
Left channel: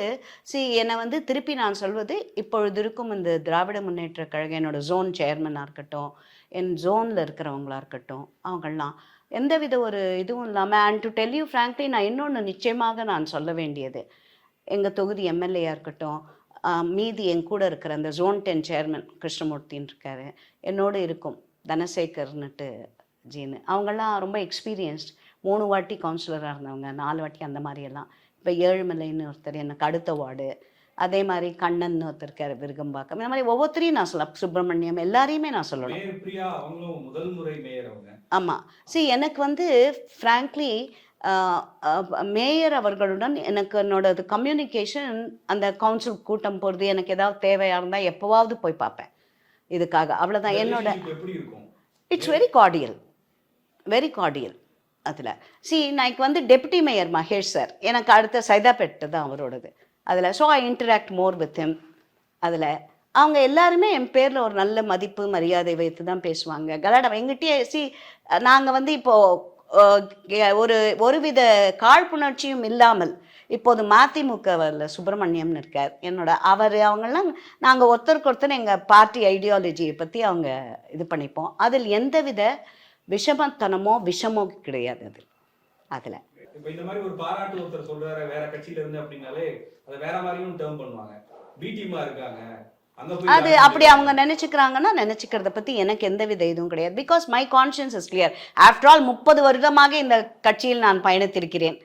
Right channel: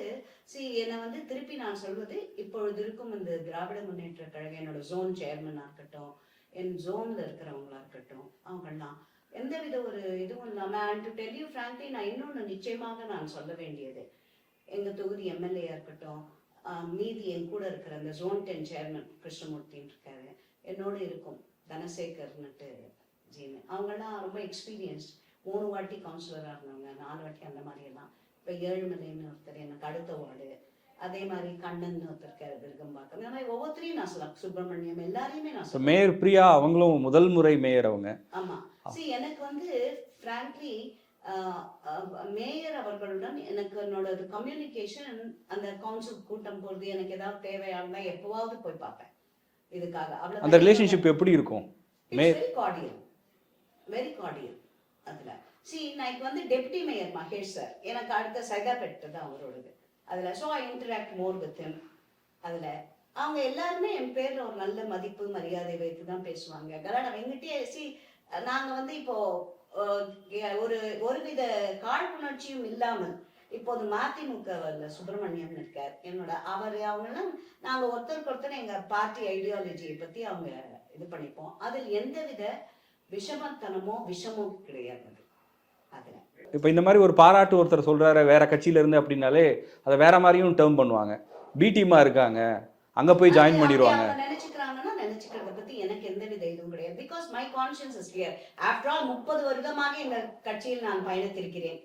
என்னை வந்து திருப்பி நான் சொல்வது, இப்பொழுது இருக்கும் இந்த திராவிட முன்னேற்ற கழகம் என்னோட ஜோன் சேர்மனாக இருக்கட்டும், என் ஜோனில் இருக்கிறவங்களா இருக்கட்டும், அவங்கெல்லாம் எந்தவித ஒரு இதுவும் இல்லாமல், and to tell you frankly, நான் இன்னொன்று நிச்சயமாக நான் சொல்ல வேண்டியது, எங்கள் தொகுதி எம்எல்ஏயாக இருக்கட்டும், மீதி என் கூட இருக்கிற அந்த ஜோன் 10 சேர்மன் கிருஷ்ணமூர்த்தின்னு இருக்காரு, என்னோடு இருக்கும் தனசேகர்னுட்டு ஜீனு, அவங்கெல்லாம் ரொம்ப எக்ஸ்பீரியன்ஸ்ட், 3 வாட்டி கவுன்சிலராக இருந்தவங்க, 4 வாட்டி அந்த மாதிரியெல்லாம். இப்போ ஏழுமலைன்னு ஒருத்தர் எனக்கு அடுத்த வார்டு, அதே மாதிரி கண்ணன் ஒருத்தர் இருக்கார் விருகம்பாக்கம், இந்த மாதிரி ஒவ்வொருத்தரையும் நான் சொல்ல, சுப்பிரமணியம், எல்லாரையுமே நான் சொல்லுவேன். மேயர் பிரியா அவங்களும் முதல் முறை மேயர் அவங்க. ஆமாம். எனக்கு வந்து ஃப்ராங்க்லி மேயர் அவர்களுடன் எனக்கு என்னோட கம்யூனிகேஷன், அந்த கவுன்சில் கூட்டம் போகிறது, எனக்கு ஏதாவது தேவையாக இருந்தால் எப்போவாவது போய் பார்ப்பேன் இதுக்காக, அவ்வளோதான். ரிலேஷன்ஷிப் எப்படி இருக்கும்? It's very கார்டியல், very கார்டியல். அதில் நான் வந்து டெப்யூட்டி மேயர் மகேஷ் சார், எனக்கு அடுத்த சைதாப்பேட்டு தான் அவரோடது அதில். So I interact more with him. அதில் அவங்க எல்லாருமே என் பேரில் ஒரு நல்ல மதிப்பு மரியாதை வைத்து தான் பேசுவாங்க. கலாடம் எங்கிட்டே நாங்கள் வந்து இப்போது ஒருவித காழ்ப்புணர்ச்சியும் இல்லாமல், இப்போது மதிமுகவில் சுப்பிரமணியம்னு இருக்கார் என்னோட, அவங்கெல்லாம் நாங்கள் ஒருத்தருக்கு ஒருத்தர் எங்கள் பார்ட்டி ஐடியாலஜியை பற்றி அவங்க இது பண்ணிப்போம். அதில் எந்தவித விஷமோ கிடையாது அதில். இப்போ இந்த மாதிரி ஒரு பாராட்டு ஒருத்தர் சொல்கிறாரு வேற கட்சியிலேருந்து அப்படின்னாலே அதை வேற மாதிரியும் டேர்ம் பண்ணுவாங்க. பி டீமாக இருக்காங்க, அங்கே போய் அது அப்படி அவங்க நினச்சிக்கிறாங்கன்னா, நினச்சிக்கிறத பற்றி எனக்கு எந்தவித இதுவும் கிடையாது. Because my conscience is clear. After all 30 வருடமாக இந்த கட்சியில் நான் பயணித்திருக்கிறேன்.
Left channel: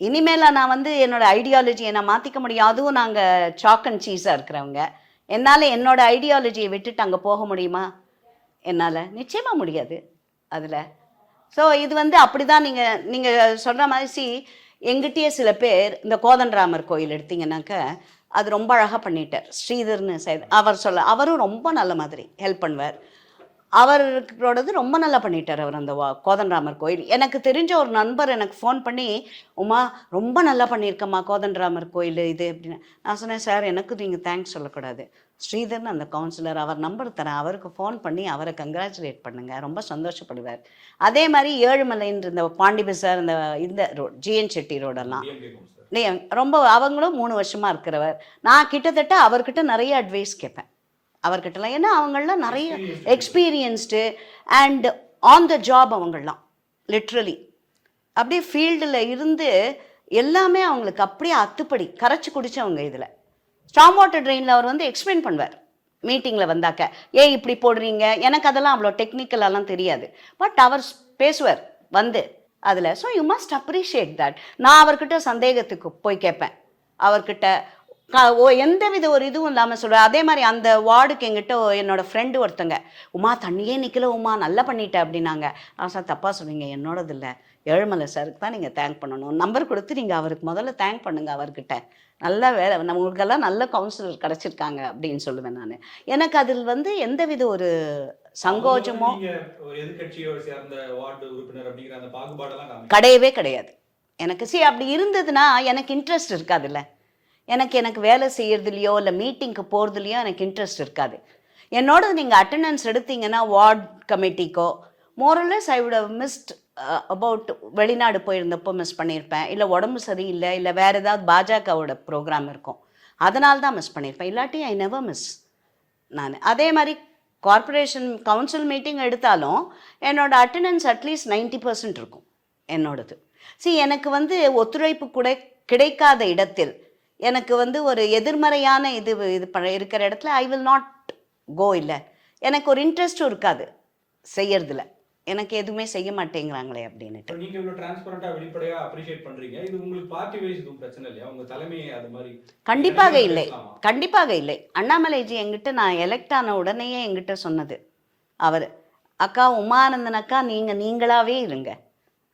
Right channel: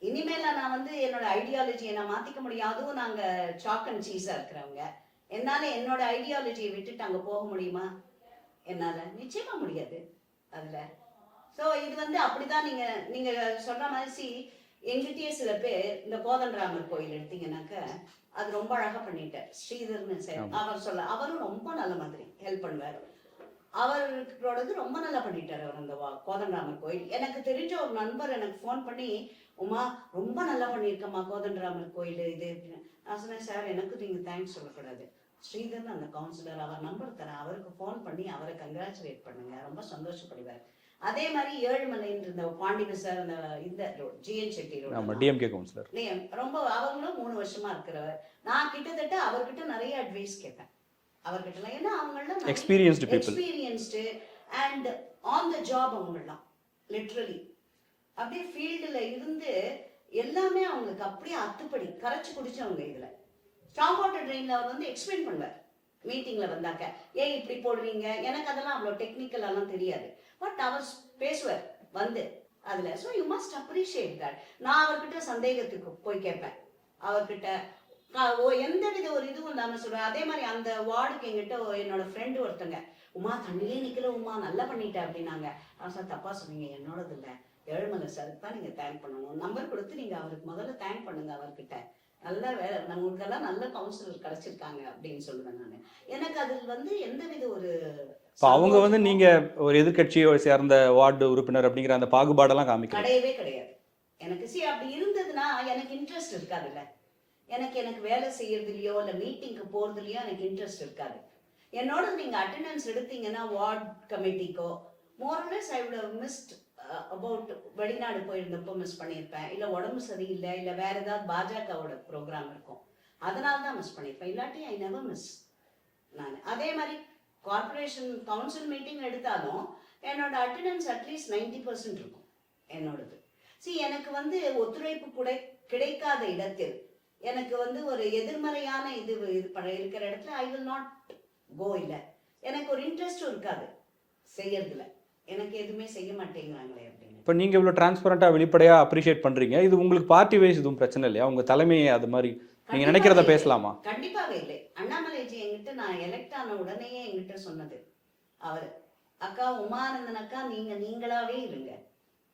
இனிமேல் நான் வந்து என்னோட ஐடியாலஜியை நான் மாற்றிக்க முடியும். அதுவும் நாங்கள் சாக் அண்ட் சீஸாக இருக்கிறவங்க, என்னால் என்னோட ஐடியாலஜியை விட்டுட்டு அங்கே போக முடியுமா? என்னால் நிச்சயமாக முடியாது அதில். ஸோ இது வந்து அப்படி தான் நீங்கள் சொல்கிற மாதிரி. எங்கிட்டயே சில பேர் இந்த கோதண்டராமர் கோயில் எடுத்திங்கன்னாக்க, அது ரொம்ப அழகாக பண்ணிட்டார் ஸ்ரீதர்னு அவரும் ரொம்ப நல்ல மாதிரி ஹெல்ப் பண்ணுவார். அவரோடது ரொம்ப நல்லா பண்ணிட்டார் அவர் அந்த கோதண்டராமர் கோயில். எனக்கு தெரிஞ்ச ஒரு நண்பர் எனக்கு ஃபோன் பண்ணி, உமா ரொம்ப நல்லா பண்ணியிருக்கம்மா கோதண்டராமர் கோயில் இது அப்படின்னு. நான் சொன்னேன், சார் எனக்கு நீங்கள் தேங்க்ஸ் சொல்லக்கூடாது, ஸ்ரீதர்னு அந்த கவுன்சிலர், அவர் நம்பர் தரேன், அவருக்கு ஃபோன் பண்ணி அவரை கங்க்ராச்சுலேட் பண்ணுங்கள், ரொம்ப சந்தோஷப்படுவார். அதே மாதிரி ஏழுமலைன்ற இந்த பாண்டி பசார் இந்த ரோட் ஜிஎன் செட்டி ரோடெல்லாம் ரொம்ப அவங்களும் 3 வருஷமாக இருக்கிறவர். நான் கிட்டத்தட்ட அவர்கிட்ட நிறைய அட்வைஸ் கேட்பேன் அவர்கிட்டலாம். ஏன்னா அவங்களாம் நிறைய experienced and on the job, அவங்களாம் லிட்ரலி அப்படியே ஃபீல்டில் இருந்து எல்லாமே அவங்களுக்கு அப்படியே அத்துப்படி கரைச்சி குடித்தவங்க. இதில் ஸ்டாம் வாட்டர் ட்ரெயினில் அவர் வந்து எக்ஸ்பிளைன் பண்ணுவார் மீட்டிங்கில் வந்தாக்க, ஏன் இப்படி போடுறீங்க, எனக்கு அதெல்லாம் அவ்வளோ டெக்னிக்கலெல்லாம் தெரியாது, பட் அவர் பேசுவார் வந்து அதில். So you must appreciate that. நான் அவர்கிட்ட சந்தேகத்துக்கு போய் கேட்பேன், அவர்கிட்ட எந்தவித ஒரு இதுவும் இல்லாமல் சொல்லுவேன். அதே மாதிரி அந்த வார்டுக்கு எங்கிட்ட என்னோடய ஃப்ரெண்டு ஒருத்தங்க, உமா தண்ணியே நிற்கல உமா நல்லா பண்ணிட்ட அப்படின்னாங்க. சார் தப்பாக சொன்னீங்க, என்னோடது இல்லை, ஏழுமலை சாருக்கு தான் நீங்கள் தேங்க் பண்ணணும், நம்பர் கொடுத்து நீங்கள் அவருக்கு முதல்ல தேங்க் பண்ணுங்கள், அவர்கிட்ட நல்ல வேலை, நம்மளுக்கெல்லாம் நல்ல கவுன்சிலர் கிடச்சிருக்காங்க அப்படின்னு சொல்லுவேன் நான். எனக்கு அதில் வந்து எந்தவித ஒரு சங்கோஜமும், நீங்க ஒரு எதிர்கட்சியை சேர்ந்த வார்டு உறுப்பினர் அப்படிங்கிற அந்த பாகுபாடெல்லாம் கிடையவே கிடையாது எனக்கு. அப்படி இருந்ததுன்னா எனக்கு இன்ட்ரெஸ்ட் இருக்காதுல்ல. எனக்கு வேலை செய்யறதுலையோ இல்லை மீட்டிங்க்கு போகிறதுலையோ எனக்கு இன்ட்ரெஸ்ட் இருக்காது. என்னோட நீங்கள் அட்டண்டன்ஸ் எடுத்தீங்கன்னா வார்ட் கமிட்டிக்கோ மோரலஸ் I would have missed about, வெளிநாடு போயிருந்தப்போ மிஸ் பண்ணியிருப்பேன், இல்லை உடம்பு சரியில்லை, இல்லை வேறு ஏதாவது பாஜகவோட ப்ரோக்ராம் இருக்கும், அதனால தான் மிஸ் பண்ணியிருப்பேன். இல்லாட்டி ஐ நெவர் மிஸ் நான். அதே மாதிரி கார்ப்பரேஷன் கவுன்சில் மீட்டிங் எடுத்தாலும் என்னோட அட்டண்டன்ஸ் அட்லீஸ்ட் 90% இருக்கும் என்னோடது. எனக்கு வந்து ஒத்துழைப்பு கூட கிடைக்காத இடத்தில், எனக்கு வந்து ஒரு எதிர்மறையான இது இருக்கிற இடத்துல ஐ வில் நாட் கோ. இல்லை எனக்கு ஒரு இன்ட்ரெஸ்ட்டும் இருக்காது செய்யறதுல, எனக்கு எதுவுமே செய்ய மாட்டேங்கிறாங்களே அப்படின்னு. இப்போ நீங்கள் இவ்வளோ டிரான்ஸ்பரண்டாக வெளிப்படையாக அப்ரிஷியேட் பண்ணுறீங்க, இது உங்களுக்கு பார்ட்டி வைஸ் எதுவும் பிரச்சனை இல்லையா? உங்கள் தலைமையை அது மாதிரி கண்டிப்பாக பேசலாமா? கண்டிப்பாக இல்லை. அண்ணாமலைஜி எங்கிட்ட நான் எலெக்ட் ஆன உடனேயே எங்கிட்ட சொன்னது அவர், அக்கா உமானந்தன் அக்கா நீங்களாவே இருங்க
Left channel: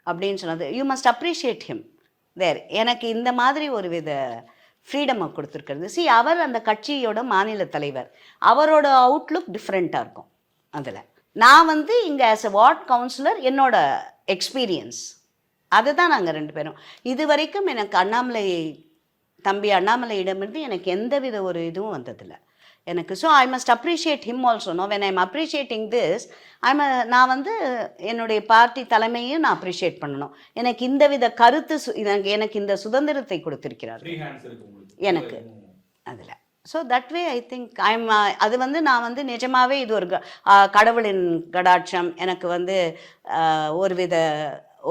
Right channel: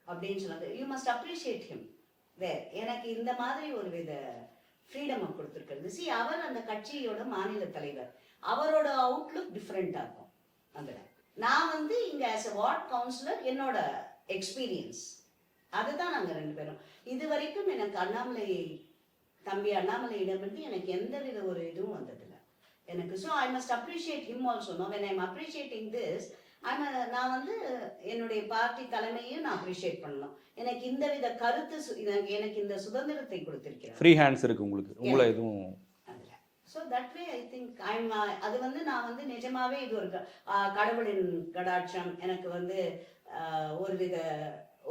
அப்படின்னு சொன்னது. You must appreciate him there. எனக்கு இந்த மாதிரி ஒரு வித ஃப்ரீடமை கொடுத்துருக்கிறது. அவர் அந்த கட்சியோட மாநில தலைவர், அவரோட அவுட்லுக் டிஃப்ரெண்ட்டாக இருக்கும் அதில். நான் வந்து இங்கே ஆஸ் எ வார்ட் கவுன்சிலர் என்னோட எக்ஸ்பீரியன்ஸ் அதுதான். நாங்கள் 2 பேரும் இது வரைக்கும் எனக்கு தம்பி அண்ணாமலையிடமிருந்து எனக்கு எந்தவித ஒரு இதுவும் வந்ததில்லை. எனக்கு. So I must appreciate him also. No when I'm appreciating this நான் வந்து என்னுடைய பார்ட்டி தலைமையும் நான் அப்ரிஷியேட் பண்ணணும். எனக்கு இந்த வித கருத்து எனக்கு இந்த சுதந்திரத்தை கொடுத்திருக்கிறார். ஃப்ரீ ஹேண்ட்ஸ் இருக்கு உங்களுக்கு. எனக்கு எதுவும் அதில். So that way I think அது வந்து நான் வந்து நிஜமாவே இது ஒரு கடவுளின் கடாட்சம், எனக்கு வந்து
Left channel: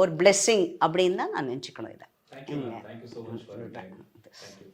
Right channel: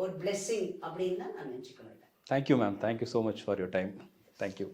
ஒரு பிளெஸ்ஸிங் அப்படின்னு தான் நான் நினச்சிக்கணும் இதை. Thank you ma'am. Thank you so much for your time. Thank you.